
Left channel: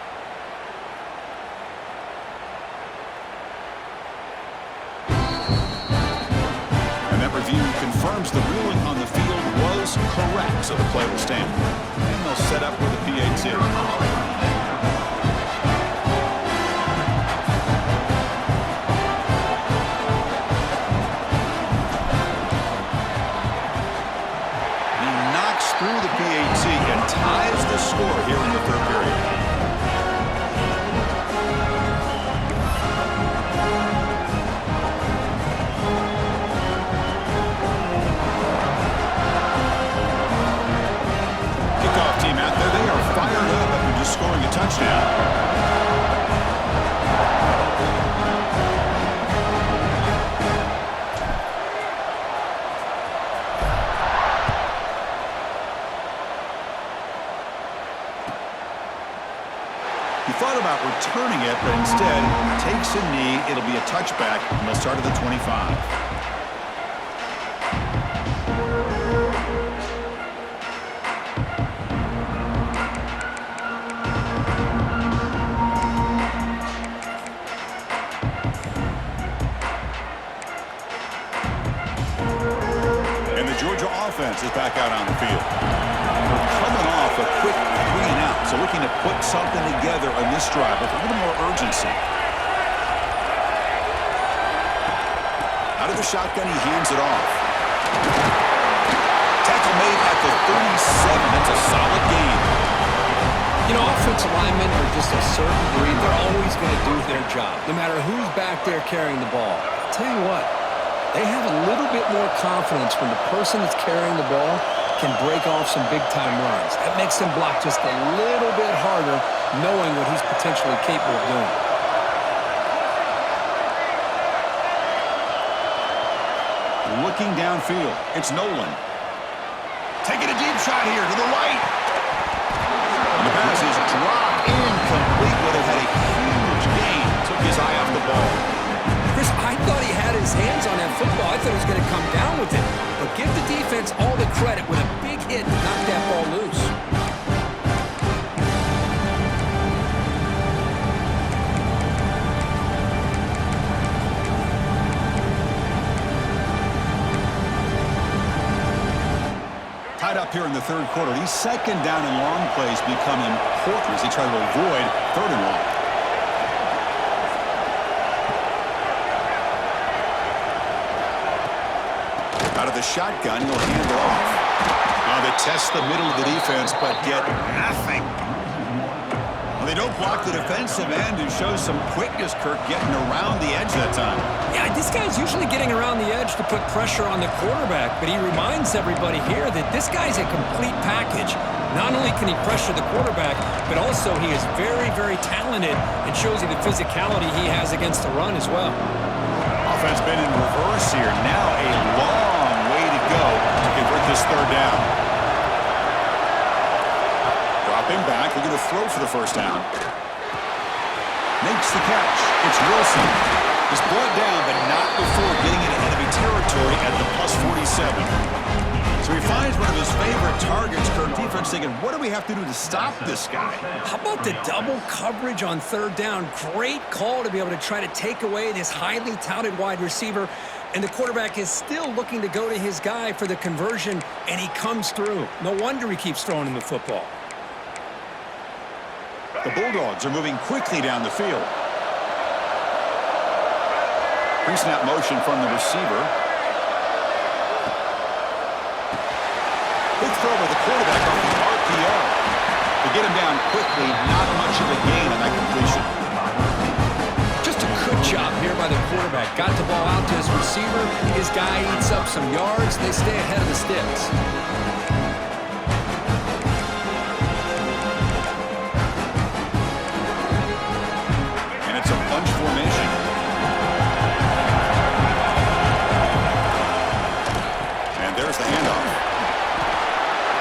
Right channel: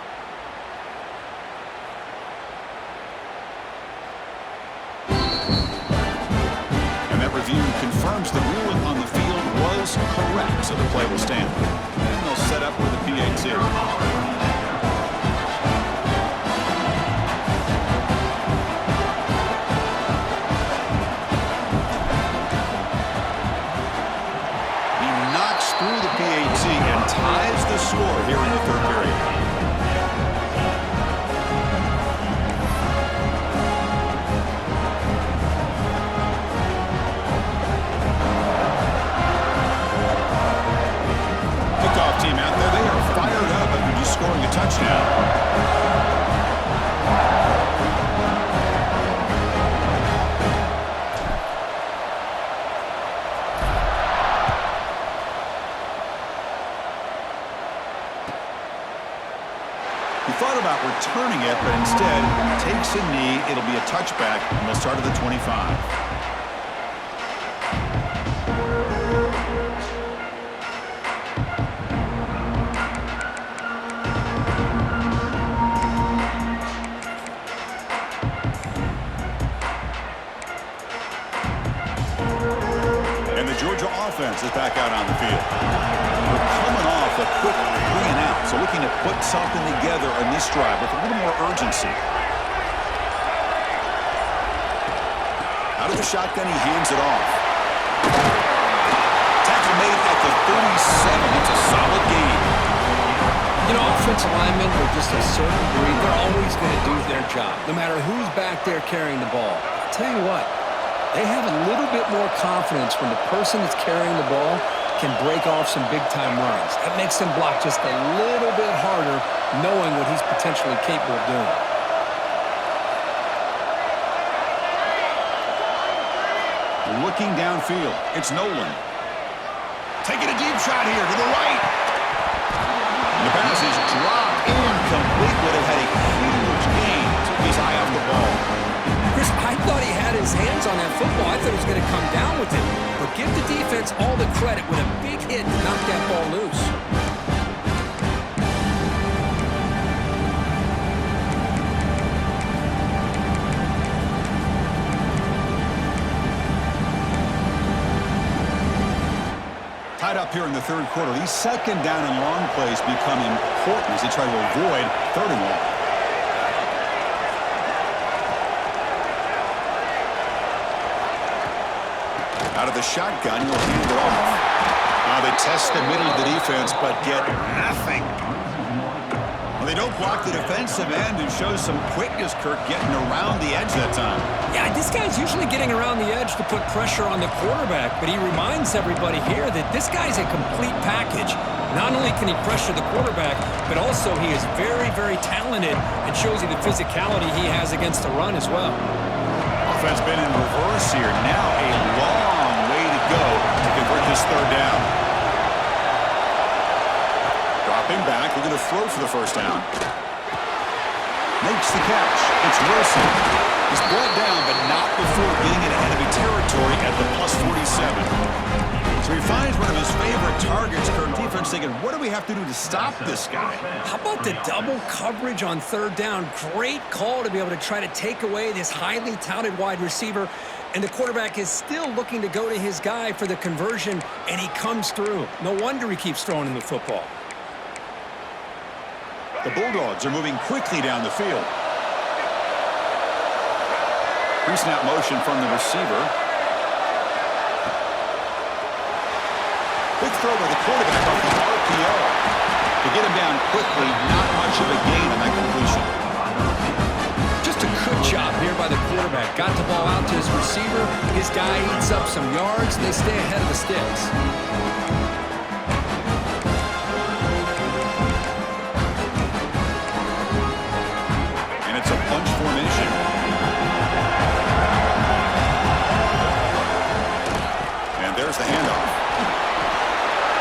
Review confirms the ruling on the field was correct, so the play will stand. And they'll set up with a PAT. He knocks through the PAT and ties the score here in the third period. Team out there, they are fired up after just scoring a touchdown. He thought about returning it, but instead takes a knee. It'll be a touchback, and they'll start at the 25. Offense is back out on the field. We're coming off a quick 3-and-out, so looking to put something together on this drive with a little more urgency. Out of the shotgun, he hands it off. Tackle made at the 37. That's a solid gain. You know, offensive linemen are just a certain breed. They're always going to do their job, no matter who's back there carrying the ball. I'll tell you what. They have a little bit more confidence when the person that's carrying the ball can break off some big-time runs. That makes them block just a little bit harder, knowing what he's potentially capable of doing. Looking downfield, it's Nolan. Taking a deep shot here to the right. And the pass is dropped incomplete, but it had a huge gain. Took his eye off the ball. Chris, I thought he had his hands on that football. I thought he was going to come down with it. But give the defense all the credit with a big hit to knock that ball loose. Tied up here in the third quarter. These second down and long plays become important as they try to avoid third and long. Out of the shotgun, he'll hand it off. They test the middle of the defense, but get nothing. Well, they don't block the defensive end and show some quickness, Kirk, getting around the edge that time. Yeah, this guy's usually getting around the edge to put pressure on the quarterback, but he reminds everybody here that this guy's a complete package. Not only can he pressure the quarterback, but also he is very, very talented and shows you the physicality he has against the run as well. Offense been in reverse here. Now a long way to go to convert this third down. Dropping back, looking to throw for the first down. Makes the catch. It's Wilson. He's brought down, but not before getting into enemy territory at the plus 47. So he finds one of his favorite targets. Kirk defense thinking, what do we have to do to stop this guy? How about the double coverage on third down? Great call to be able to try to take away this highly touted wide receiver. And the quarterback is still looking to go to his guy for the conversion, and he comes through. No wonder he keeps throwing him the football. The Bulldogs are moving quickly down the field. Pre-snap motion from the receiver. Quick throw by the quarterback off the RPO. To get him down quickly, not much of a gain on that completion. Just a good job here by the quarterback. Got the ball out to his receiver. His guy eats up some yards. They stay ahead of the sticks. And it's a bunch formation. And there's the handoff.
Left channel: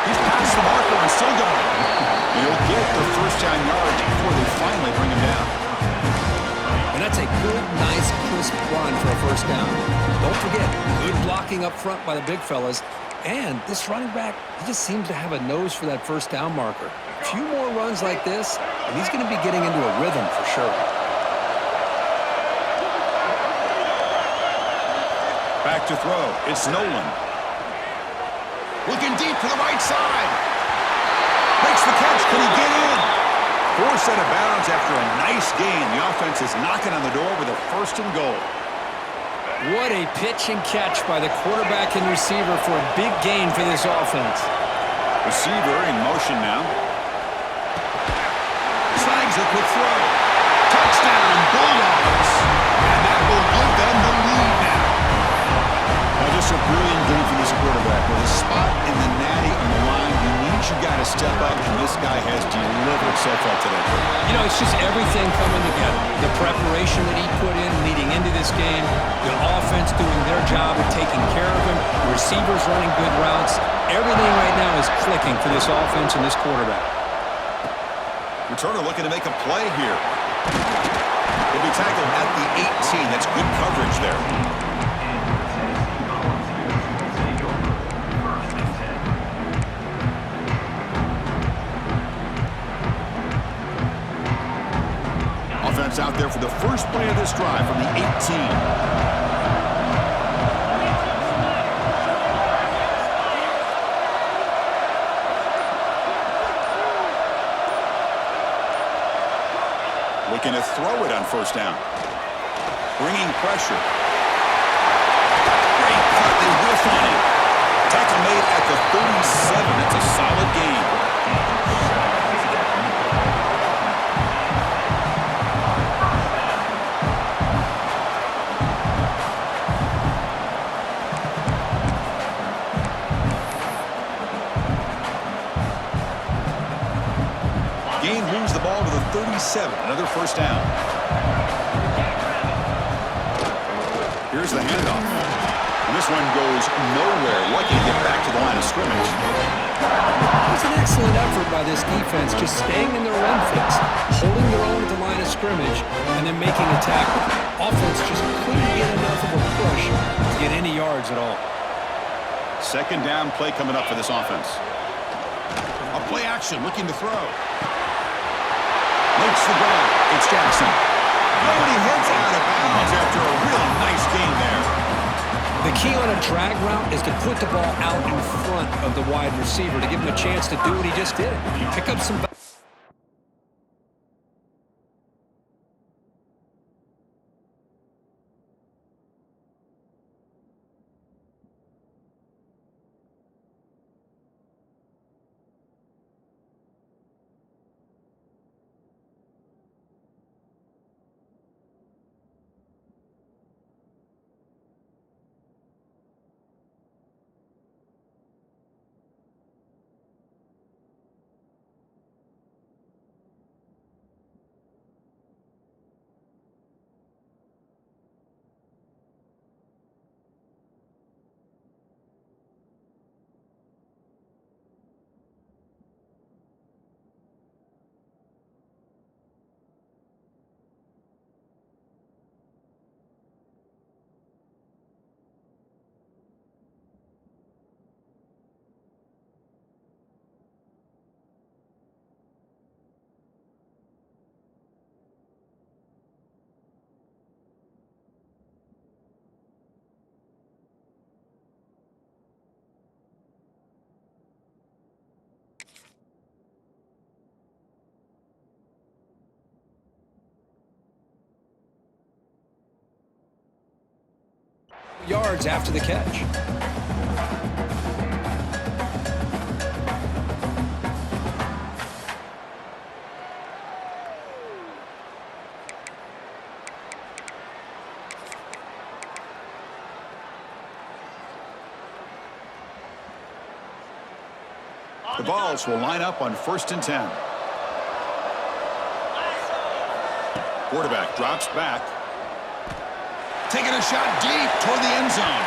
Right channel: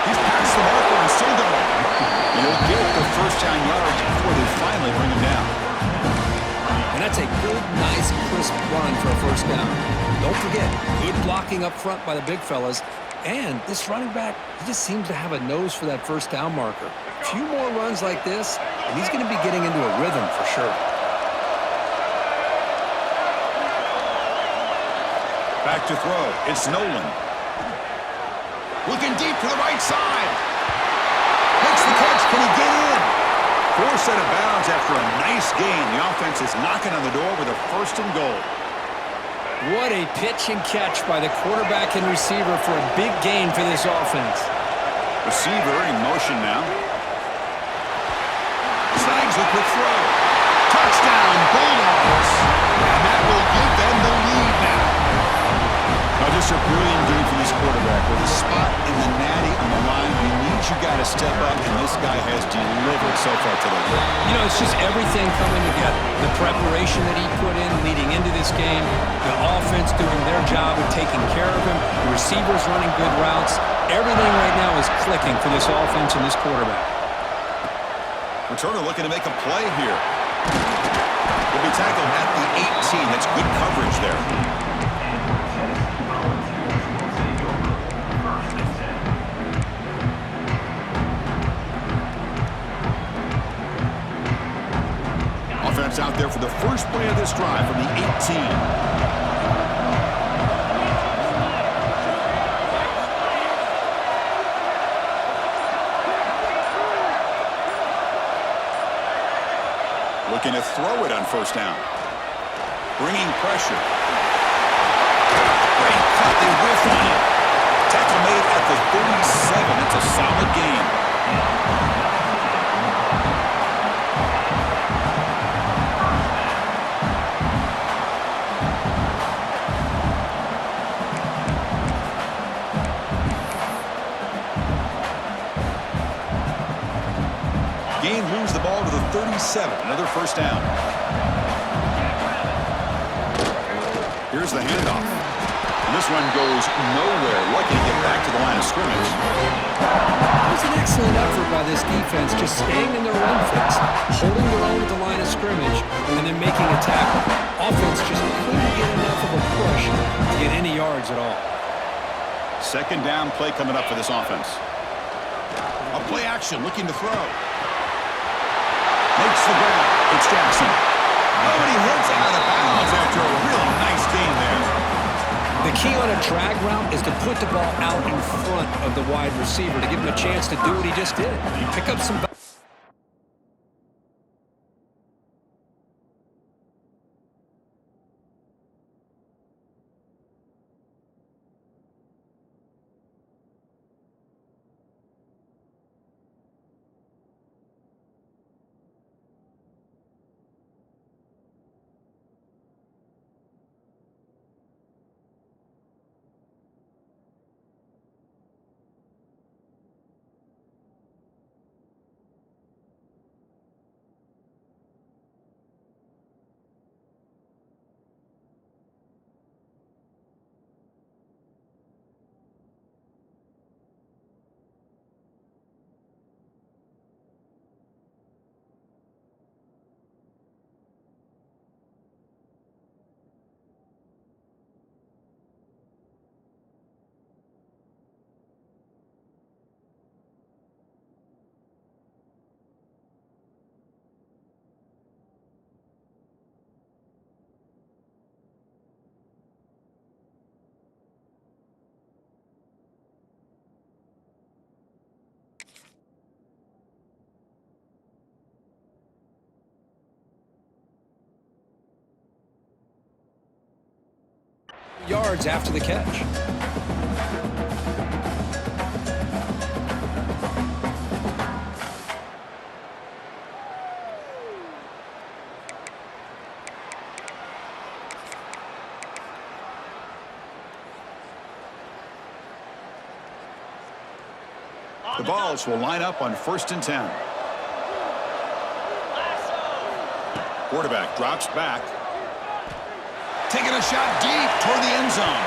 He's past the marker and still going. And he'll get the first down yards before they finally bring him down. And that's a good, nice, crisp run for a first down. Don't forget, good blocking up front by the big fellas. And this running back, he just seems to have a nose for that first down marker. A few more runs like this, and he's going to be getting into a rhythm for sure. Back to throw. It's Nolan. Looking deep to the right side. Makes the catch. Can he get in? Forced out of bounds after a nice gain. The offense is knocking on the door with a first and goal. What a pitch and catch by the quarterback and receiver for a big gain for this offense. Receiver in motion now. Snags a quick throw. Touchdown, Bulldogs. And that will give them the lead now. Now just a brilliant game for this quarterback. With a spot in the natty on the line, you need your guy to step up, and this guy has delivered so far today. You know, it's just everything coming together. The preparation that he put in leading into this game, the offense doing their job of taking care of him, the receivers running good routes. Everything right now is clicking for this offense and this quarterback. Returner looking to make a play here. He'll be tackled at the 18. That's good coverage there. Offense out there for the first play of this drive from the 18. Looking to throw it on first down. Bringing pressure. Great cut. They whiff on him. Tackle made at the 37. That's a solid gain. Gain moves the ball to the 37. Another first down. Here's the handoff. And this one goes nowhere. Lucky to get back to the line of scrimmage. It was an excellent effort by this defense, just staying in their run fix, holding their own at the line of scrimmage, and then making a tackle. Offense just couldn't get enough of a push to get any yards at all. Second down play coming up for this offense. A play action, looking to throw. Makes the grab. It's Jackson. Oh, and he heads out of bounds after a really nice gain there. The key on a drag route is to put the ball out in front of the wide receiver to give him a chance to do what he just did. Pick up some... yards after the catch. The Vols will line up on 1st and 10. Quarterback drops back. Taking a shot deep toward the end zone.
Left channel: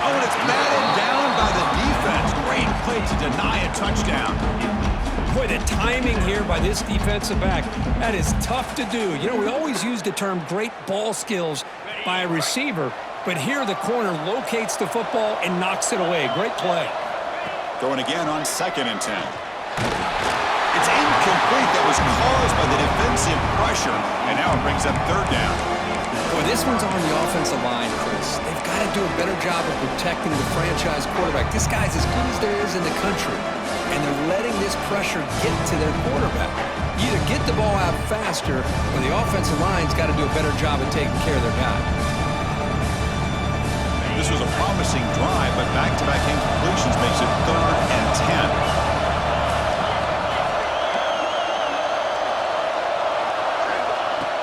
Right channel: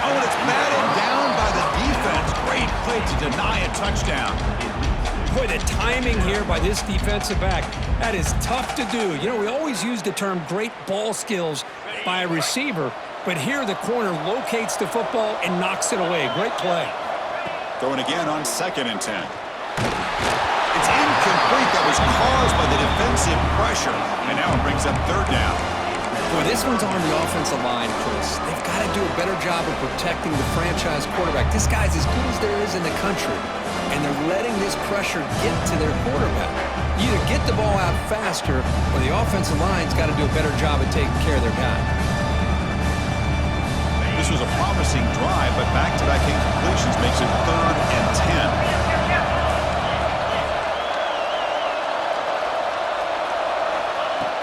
Oh, and it's batted down by the defense. Great play to deny a touchdown. Boy, the timing here by this defensive back, that is tough to do. You know, we always use the term great ball skills by a receiver, but here the corner locates the football and knocks it away. Great play. Throwing again on 2nd and 10. It's incomplete. That was caused by the defensive pressure. And now it brings up 3rd down. Boy, this one's on the offensive line, Chris. They've got to do a better job of protecting the franchise quarterback. This guy's as good as there is in the country, and they're letting this pressure get to their quarterback. You either get the ball out faster, or the offensive line's got to do a better job of taking care of their guy. This was a promising drive, but back-to-back incompletions makes it 3rd and 10.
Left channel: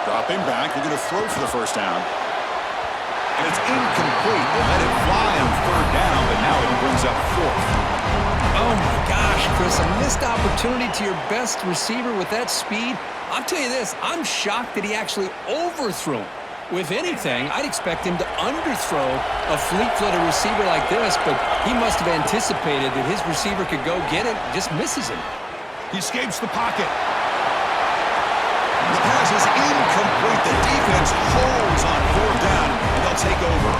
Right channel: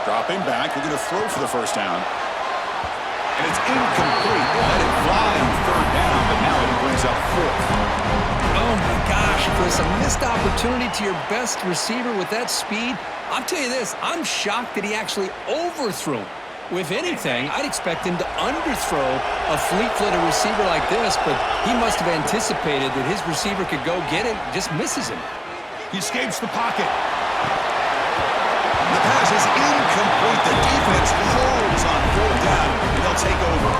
Dropping back, looking to throw for the 1st down. And it's incomplete. They let it fly on 3rd down, but now it brings up 4th. Oh my gosh, Chris, a missed opportunity to your best receiver with that speed. I'll tell you this, I'm shocked that he actually overthrew him. If anything, I'd expect him to underthrow a fleet-footed receiver like this, but he must have anticipated that his receiver could go get it, just misses him. He escapes the pocket. The pass is incomplete. The defense holds on 4th down, and they'll take over.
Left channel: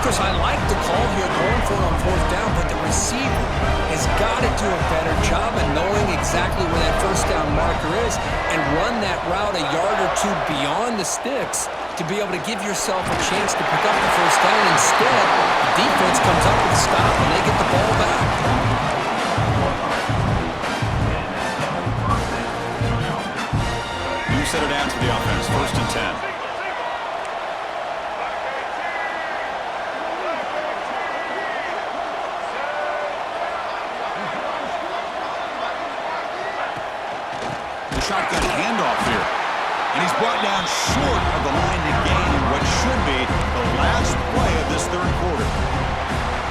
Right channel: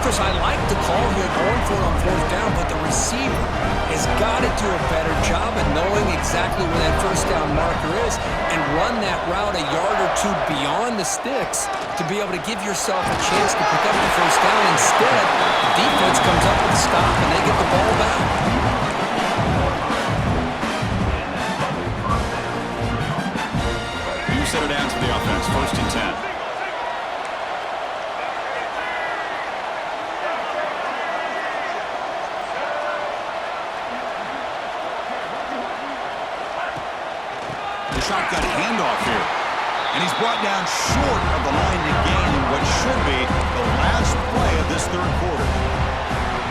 Chris, I like the call here going for it on 4th down, but the receiver has got to do a better job of knowing exactly where that 1st down marker is and run that route a yard or two beyond the sticks to be able to give yourself a chance to pick up the 1st down. Instead, the defense comes up with a stop and they get the ball back. You set it down to the offense, 1st and 10. Shotgun handoff here. And he's brought down short of the line to gain in what should be the last play of this 3rd quarter.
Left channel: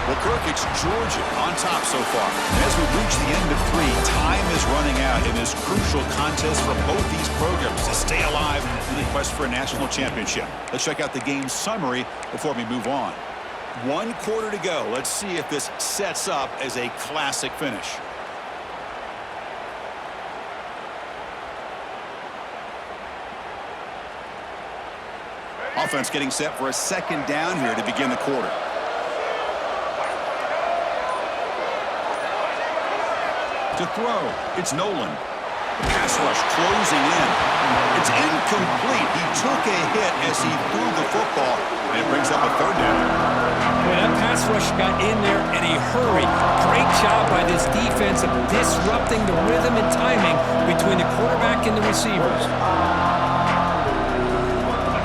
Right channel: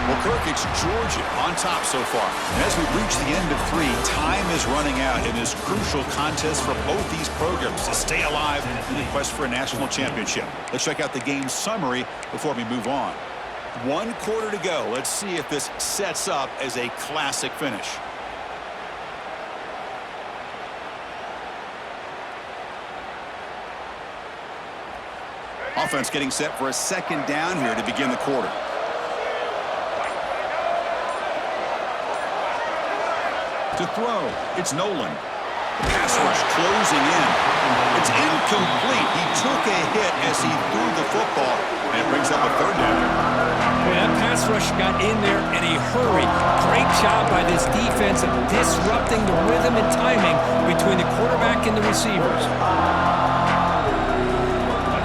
Well, Kirk, it's Georgia on top so far. And as we reach the end of 3, time is running out in this crucial contest for both these programs to stay alive in the quest for a national championship. Let's check out the game summary before we move on. 1 quarter to go. Let's see if this sets up as a classic finish. Offense getting set for a 2nd down here to begin the quarter. To throw, it's Nolan. The pass rush closing in. It's incomplete. He took a hit as he threw the football, and it brings up a 3rd down. Boy, that pass rush got in there in a hurry. Great job by this defense of disrupting the rhythm and timing between the quarterback and the receivers.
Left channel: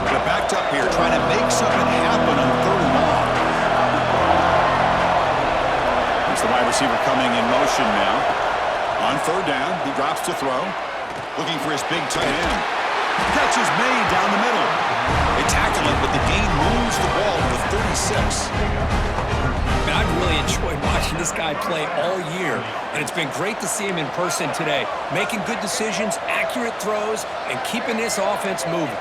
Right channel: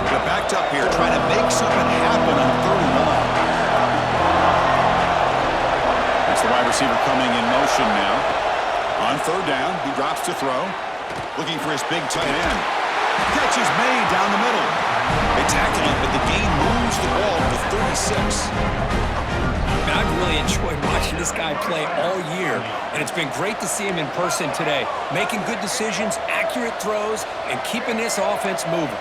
They're backed up here, trying to make something happen on 3rd and long. That's the wide receiver coming in motion now. On 3rd down, he drops to throw. Looking for his big tight end. Catch is made down the middle. They tackle it, but the gain moves the ball to the 36. Man, I've really enjoyed watching this guy play all year, and it's been great to see him in person today, making good decisions, accurate throws, and keeping this offense moving.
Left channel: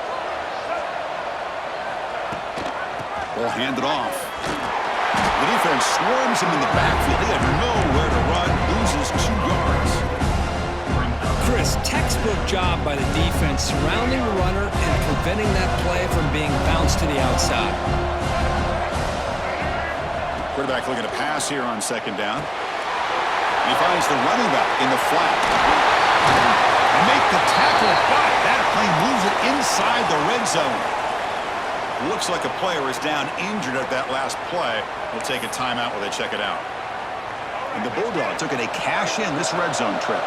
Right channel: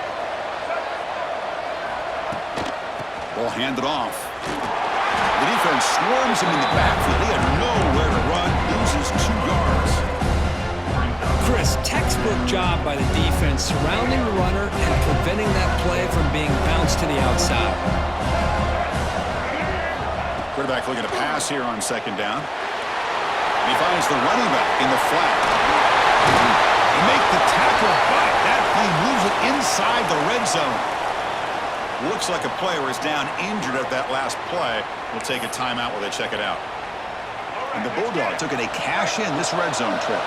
Ball handed off. The defense swarms him in the backfield. He had nowhere to run, loses 2 yards. Chris, textbook job by the defense surrounding the runner and preventing that play from being bounced to the outside. Quarterback looking to pass here on 2nd down. And he finds the running back in the flat. And make the tackle, but that play moves it inside the red zone. Looks like a player is down injured at that last play. We'll take a timeout while they check it out. And the Bulldogs took it a cash in this red zone trip.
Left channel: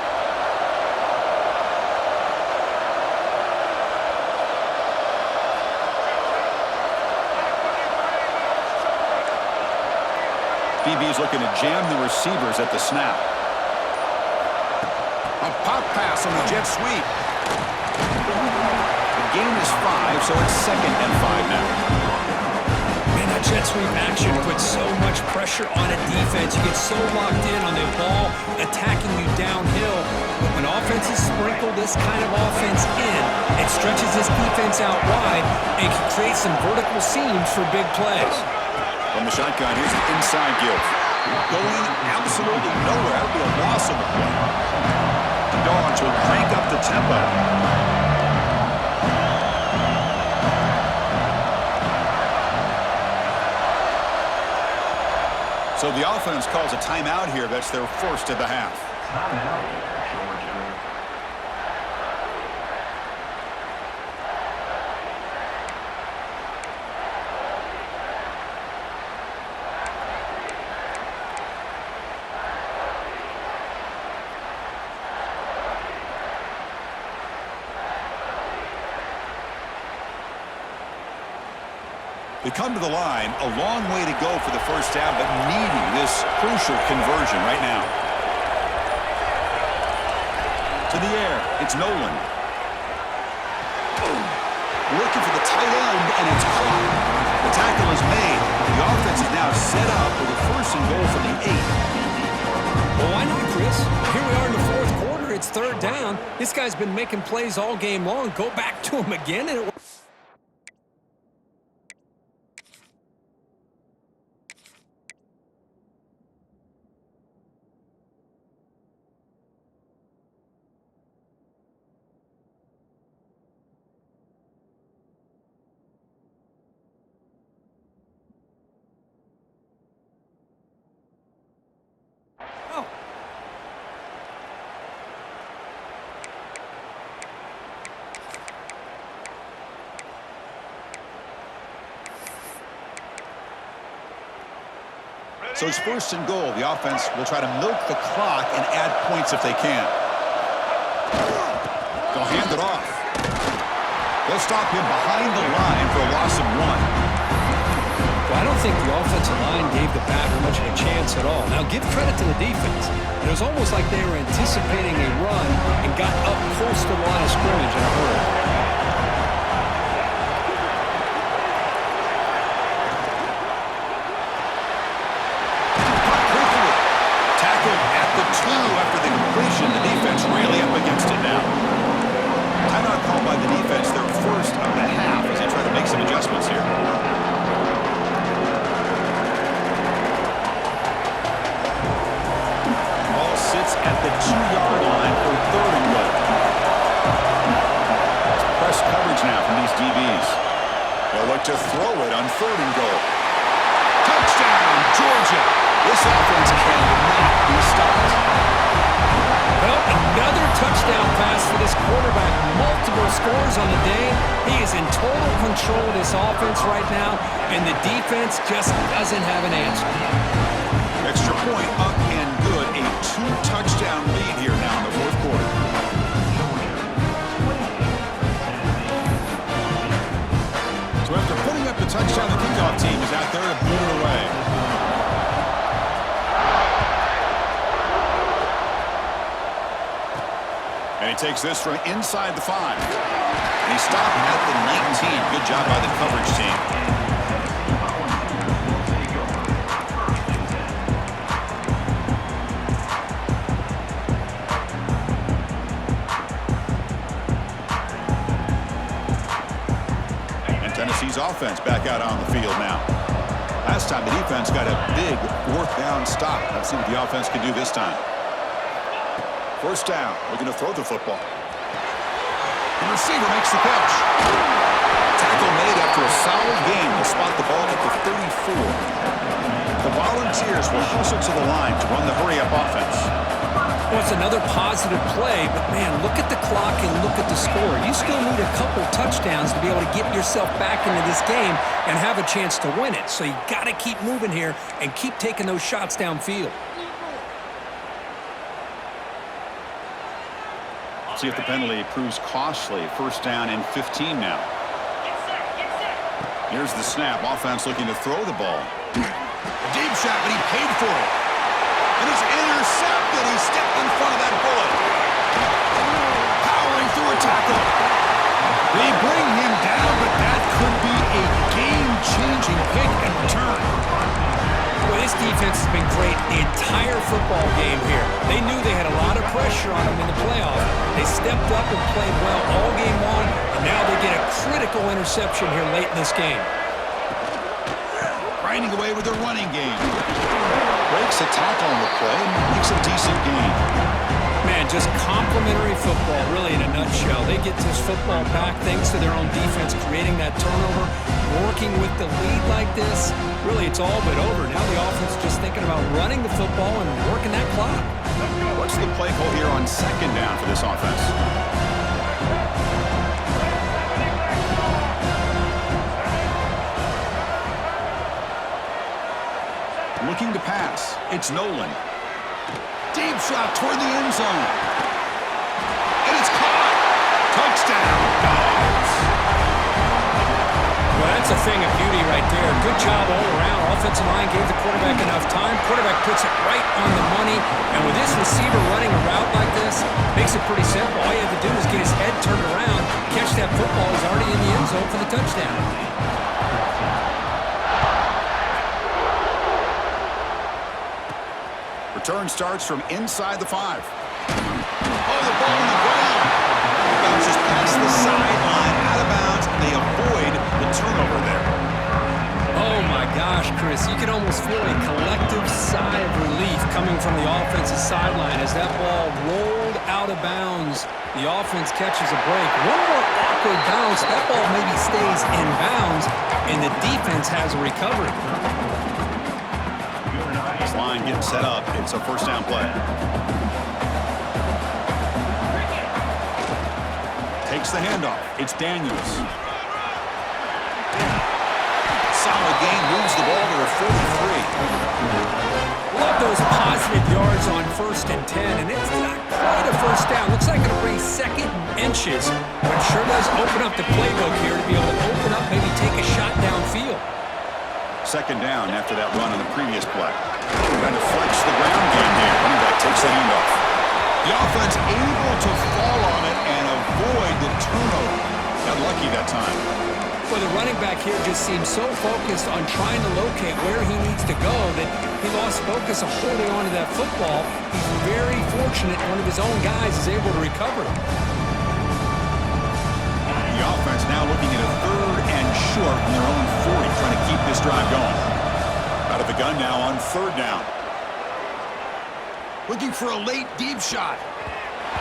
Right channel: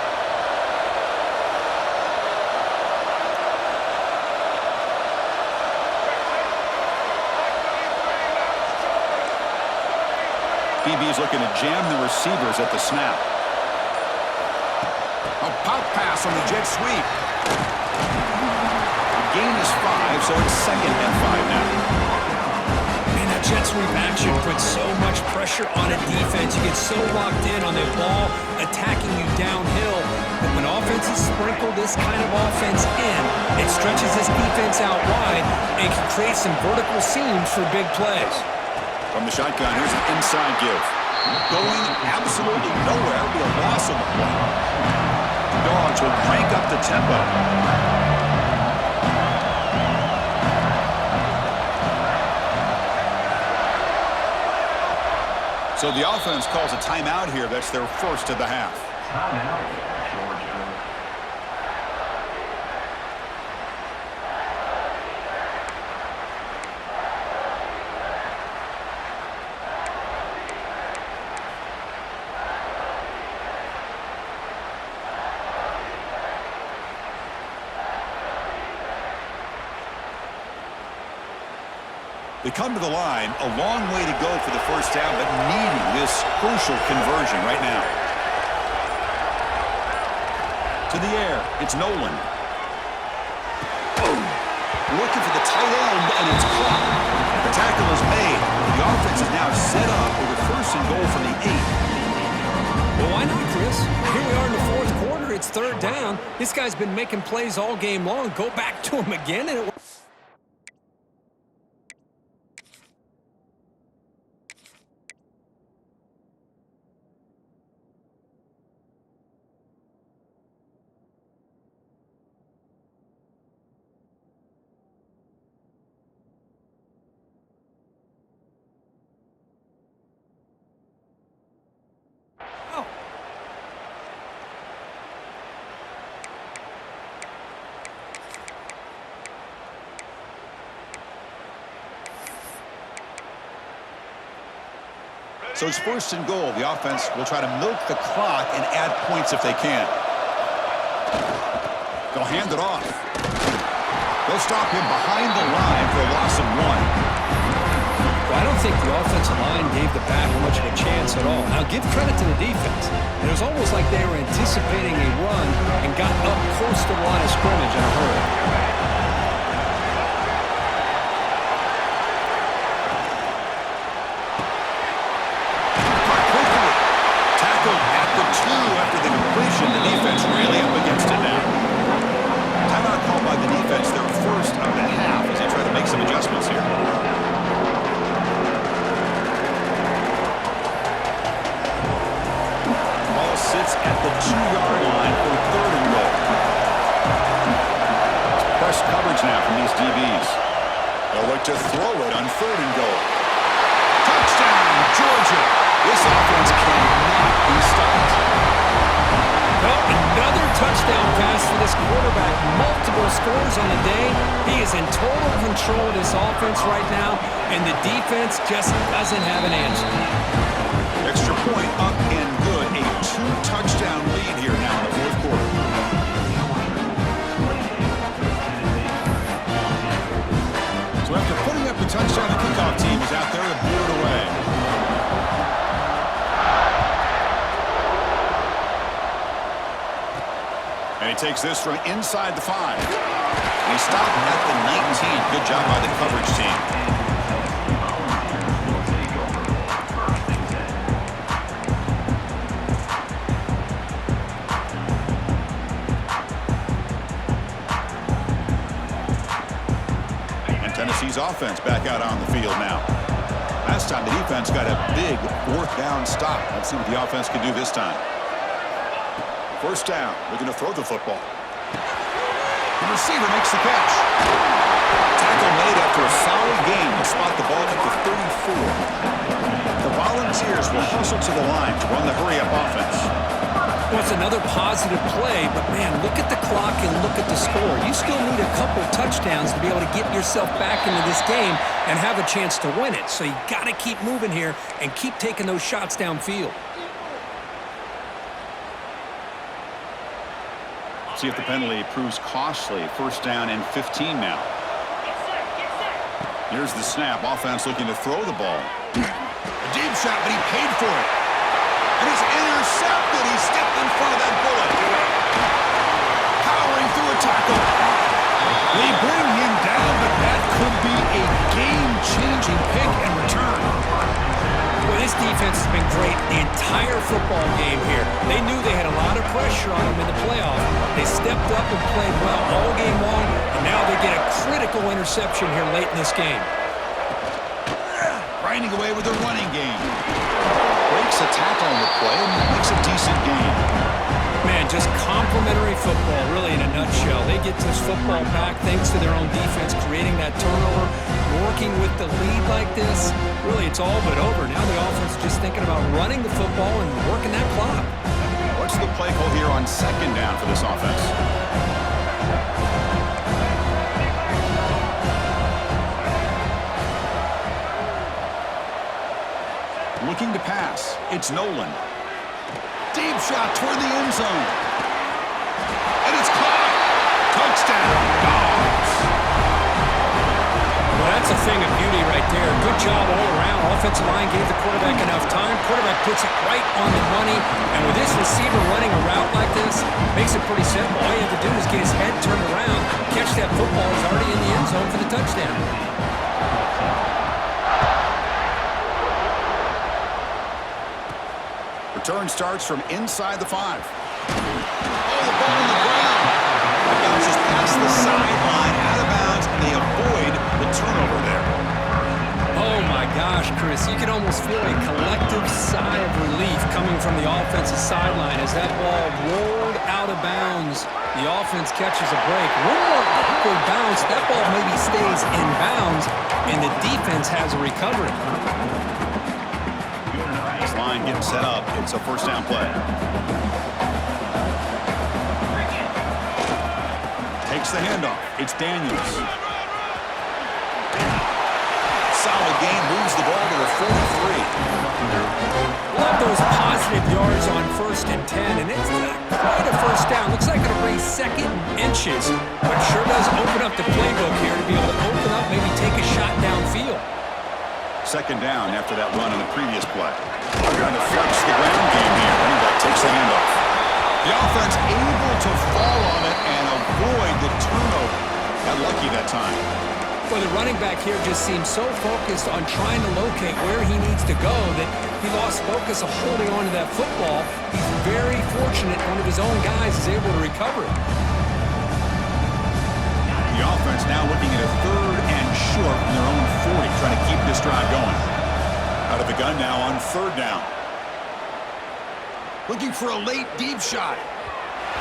DB's looking to jam the receivers at the snap. A pop pass on the jet sweep. The gain is 5, so it's 2nd and 5 now. Man, that jet sweep action puts so much pressure on a defense. You get so locked in on the ball attacking you downhill. But when offenses sprinkle this kind of offense in, it stretches this defense out wide and can create some vertical seams for big plays. From the shotgun, here's the inside give. Going absolutely nowhere. That would be a loss on the play. The Dogs will crank up the tempo. So the offense calls a timeout here. That's their first of the half. Timeout, Georgia. They come to the line, a long way to go for the first down, but needing this crucial conversion right now. To the air, it's Nolan. Boom. Looking for the tight end, and it's caught. The tackle is made. The offense is now set up with a 1st and goal from the 8. Well, why not, Chris? Here we are in the 4th quarter. It's 3rd down. This guy's been making plays all game long. Go back to him again, and it So it's 1st and goal. The offense will try to milk the clock and add points if they can. They'll hand it off. They'll stop him behind the line for a loss of 1. Well, I don't think the offensive line gave the back much of a chance at all. Now, give credit to the defense. It was almost like they were anticipating a run and got up close to the line of scrimmage in a hurry. After the completion, the defense really up against it now. Timeout called by the defense, their first of the half as they try to make some adjustments here. Ball sits at the 2-yard line for 3rd and goal. It's press coverage now from these DBs. They'll look to throw it on 3rd and goal. Touchdown, Georgia! This offense cannot be stopped. Well, another touchdown pass for this quarterback. Multiple scores on the day. He is in total control of this offense right now, and the defense just doesn't have an answer. Extra point up and good. A 2-touchdown lead here now in the 4th quarter. So after putting up the touchdown, the kickoff team is out there to boot it away. And he takes this from inside the 5. And he stopped at the 19. Good job by the coverage team. And Tennessee's offense back out on the field now. Last time the defense got a big 4th down stop. Let's see what the offense can do this time. 1st down, looking to throw the football. The receiver makes the catch. Tackle made after a solid gain. They'll spot the ball at the 34. The Volunteers will hustle to the line to run the hurry-up offense. Well, it's another positive play, but man, look at the clock and look at the score. You still need a couple touchdowns to be able to get yourself back into this game and have a chance to win it. So you got to keep moving here and keep taking those shots downfield. See if the penalty proves costly. 1st down and 15 now. Here's the snap. Offense looking to throw the ball. The deep shot, but he paid for it. And it's intercepted. He stepped in front of that bullet. Powering through a tackle. They bring him down, but that could be a game-changing pick and return. Well, this defense has been great the entire football game here. They knew they had a lot of pressure on them in the playoff. They stepped up and played well all game long, and now they get a critical interception here late in this game. Grinding away with their running game. Breaks a tackle on the play and makes a decent gain. Man, just complimentary football, really, in a nutshell. They get this football back thanks to their own defense, creating that turnover, working with the lead like this. Really, it's all but over. Now the offense is just thinking about running the football and working that clock. What's the play call here on second down for this offense? Looking to pass. It's Nolan. Deep shot toward the end zone. And it's caught. Touchdown, Dogs. Well, that's a thing of beauty right there. Good job all around. Offensive line gave the quarterback enough time. Quarterback puts it right on the money. And with this receiver running a route like this, makes it pretty simple. All you have to do is get his head turned around, catch that football. He's already in the end zone for the touchdown. Return starts from inside the 5. Oh, the ball on the ground. It bounces past the sideline, out of bounds, and they avoid the turnover there. Oh, my gosh, Chris. You can almost feel a collective sigh of relief coming from the offensive sideline as that ball rolled out of bounds. The offense catches a break. One more awkward bounce. That ball maybe stays in bounds, and the defense has a recovery. This line getting set up. It's a first down play. Takes the handoff. It's Daniels. Solid gain. Moves the ball to the 43. Love those positive yards on 1st and 10, and it's not quite a first down. Looks like it'll bring second inches, but sure does open up the playbook here to be able to open up, maybe take a shot downfield. Second down after that run on the previous play. Trying to flex the ground game here. Running back takes the handoff. The offense able to fall on it and avoid the turnover. Got lucky that time. Well, the running back here just seems so focused on trying to locate where he needs to go that he lost focus of holding on to that football. He's very fortunate one of his own guys is able to recover it. The offense now looking at a 3rd and short from their own 40, trying to keep this drive going. Out of the gun now on 3rd down. Looking for a late deep shot.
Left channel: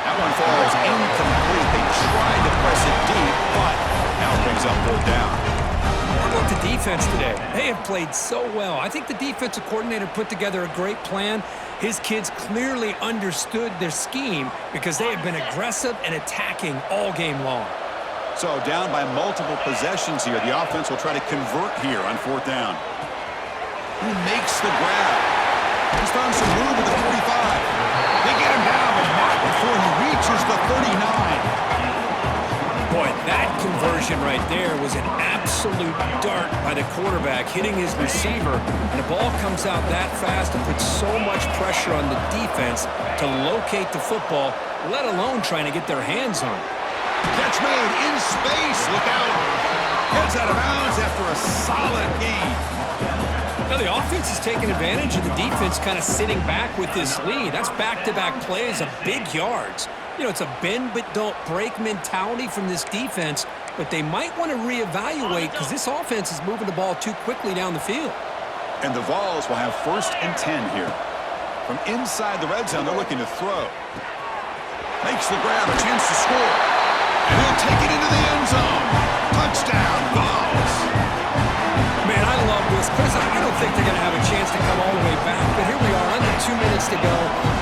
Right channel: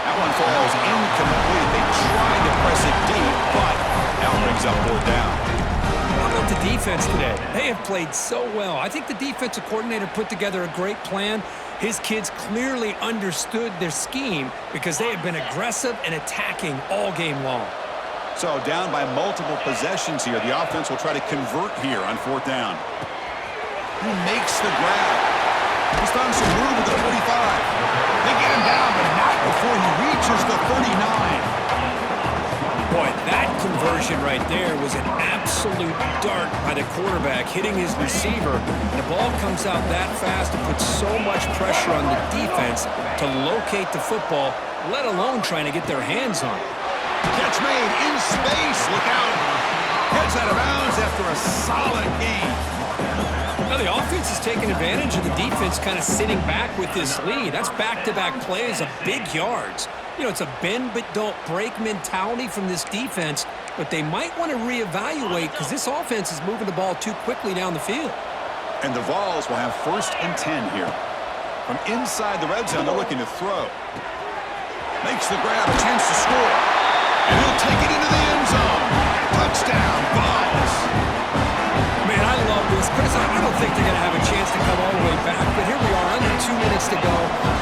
That one falls incomplete. They tried to press it deep, but now it brings up 4th down. What about the defense today? They have played so well. I think the defensive coordinator put together a great plan. His kids clearly understood their scheme because they have been aggressive and attacking all game long. So down by multiple possessions here. The offense will try to convert here on 4th down. He makes the grab. He's found some room at the 45. They get him down, but not before he reaches the 39. Boy, that conversion right there was an absolute dart by the quarterback, hitting his receiver. And the ball comes out that fast and puts so much pressure on the defense to locate the football, let alone trying to get their hands on it. Catch made in space. Look out. Heads out of bounds after a solid gain. Now the offense is taking advantage of the defense kind of sitting back with this lead. That's back-to-back plays of big yards. You know, it's a bend but don't break mentality from this defense, but they might want to reevaluate because this offense is moving the ball too quickly down the field. And the Vols will have 1st and 10 here. From inside the red zone, they're looking to throw. Makes the grab, a chance to score. And he'll take it into the end zone. Touchdown, Vols. Man, I love this. Chris, I don't think they're going to have a chance to come all the way back, but here we are, under 2 minutes to go,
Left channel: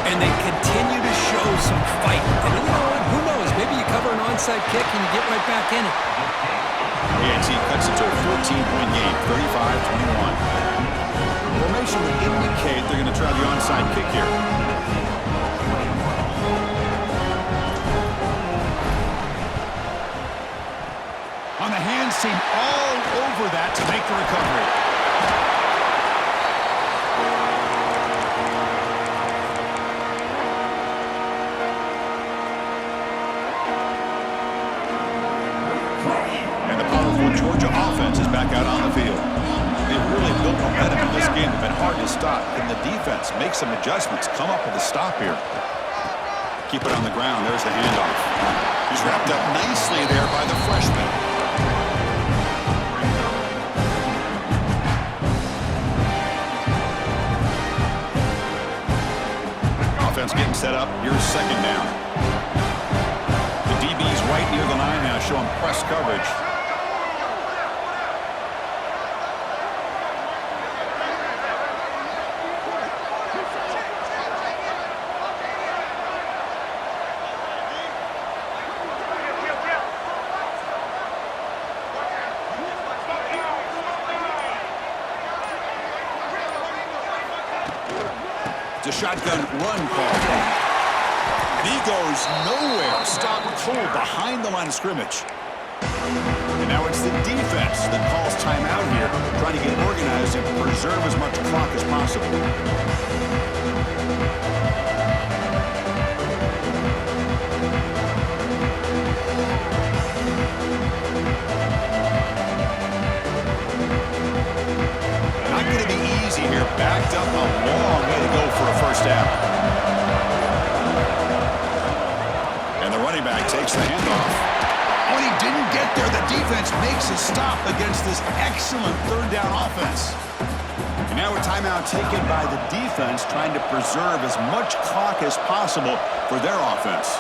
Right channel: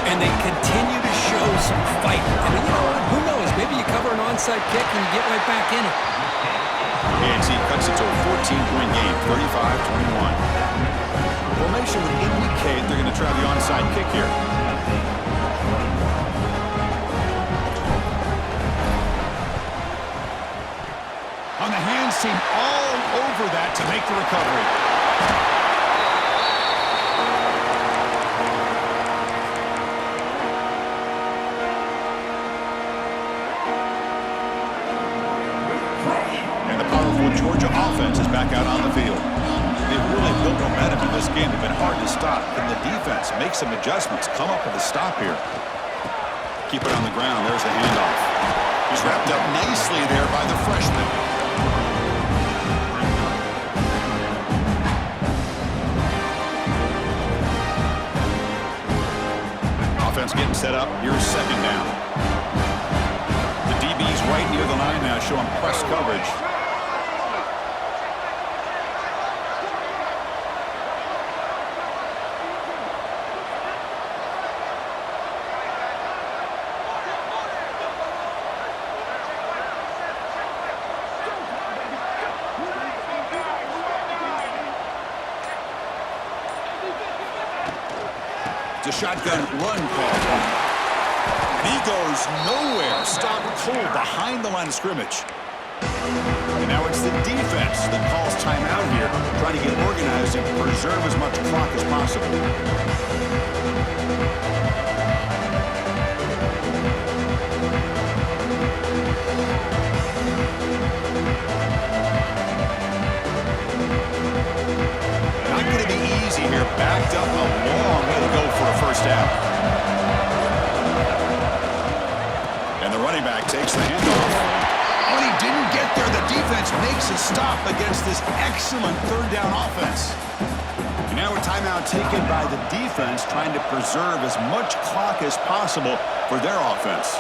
and they continue to show some fight. And you know what? Who knows? Maybe you cover an onside kick and you get right back in it. A&T cuts it to a 14-point game, 35-21. Formation would indicate they're going to try the onside kick here. On the hands team all over that to make the recovery. Georgia offense is back out on the field. They've really built momentum in this game. They've been hard to stop. Can the defense make some adjustments, come up with a stop here? Keep it on the ground. There's the handoff. He's wrapped up nicely there by the freshman. Offense getting set up. Here's second down. The DB's right near the line now, showing press coverage. It's a shotgun run call. And he goes nowhere. Stop cold behind the line of scrimmage. And now it's the defense that calls timeout here, trying to get organized and preserve as much clock as possible. Not going to be easy here. Backed up a long way to go for a first down. And the running back takes the handoff. Oh, and he didn't get there. The defense makes a stop against this excellent third down offense. And now a timeout taken by the defense, trying to preserve as much clock as possible for their offense.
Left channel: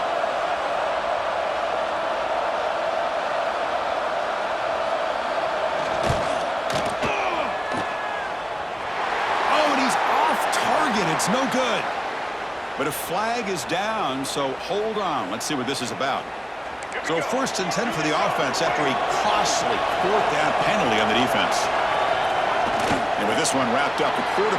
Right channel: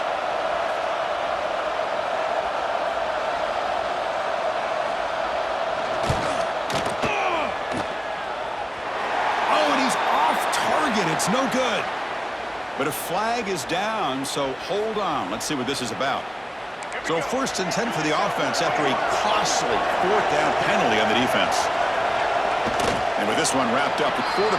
It's no good. But a flag is down, so hold on. Let's see what this is about. So 1st and 10 for the offense after a costly 4th down penalty on the defense. And with this one wrapped up, the quarterback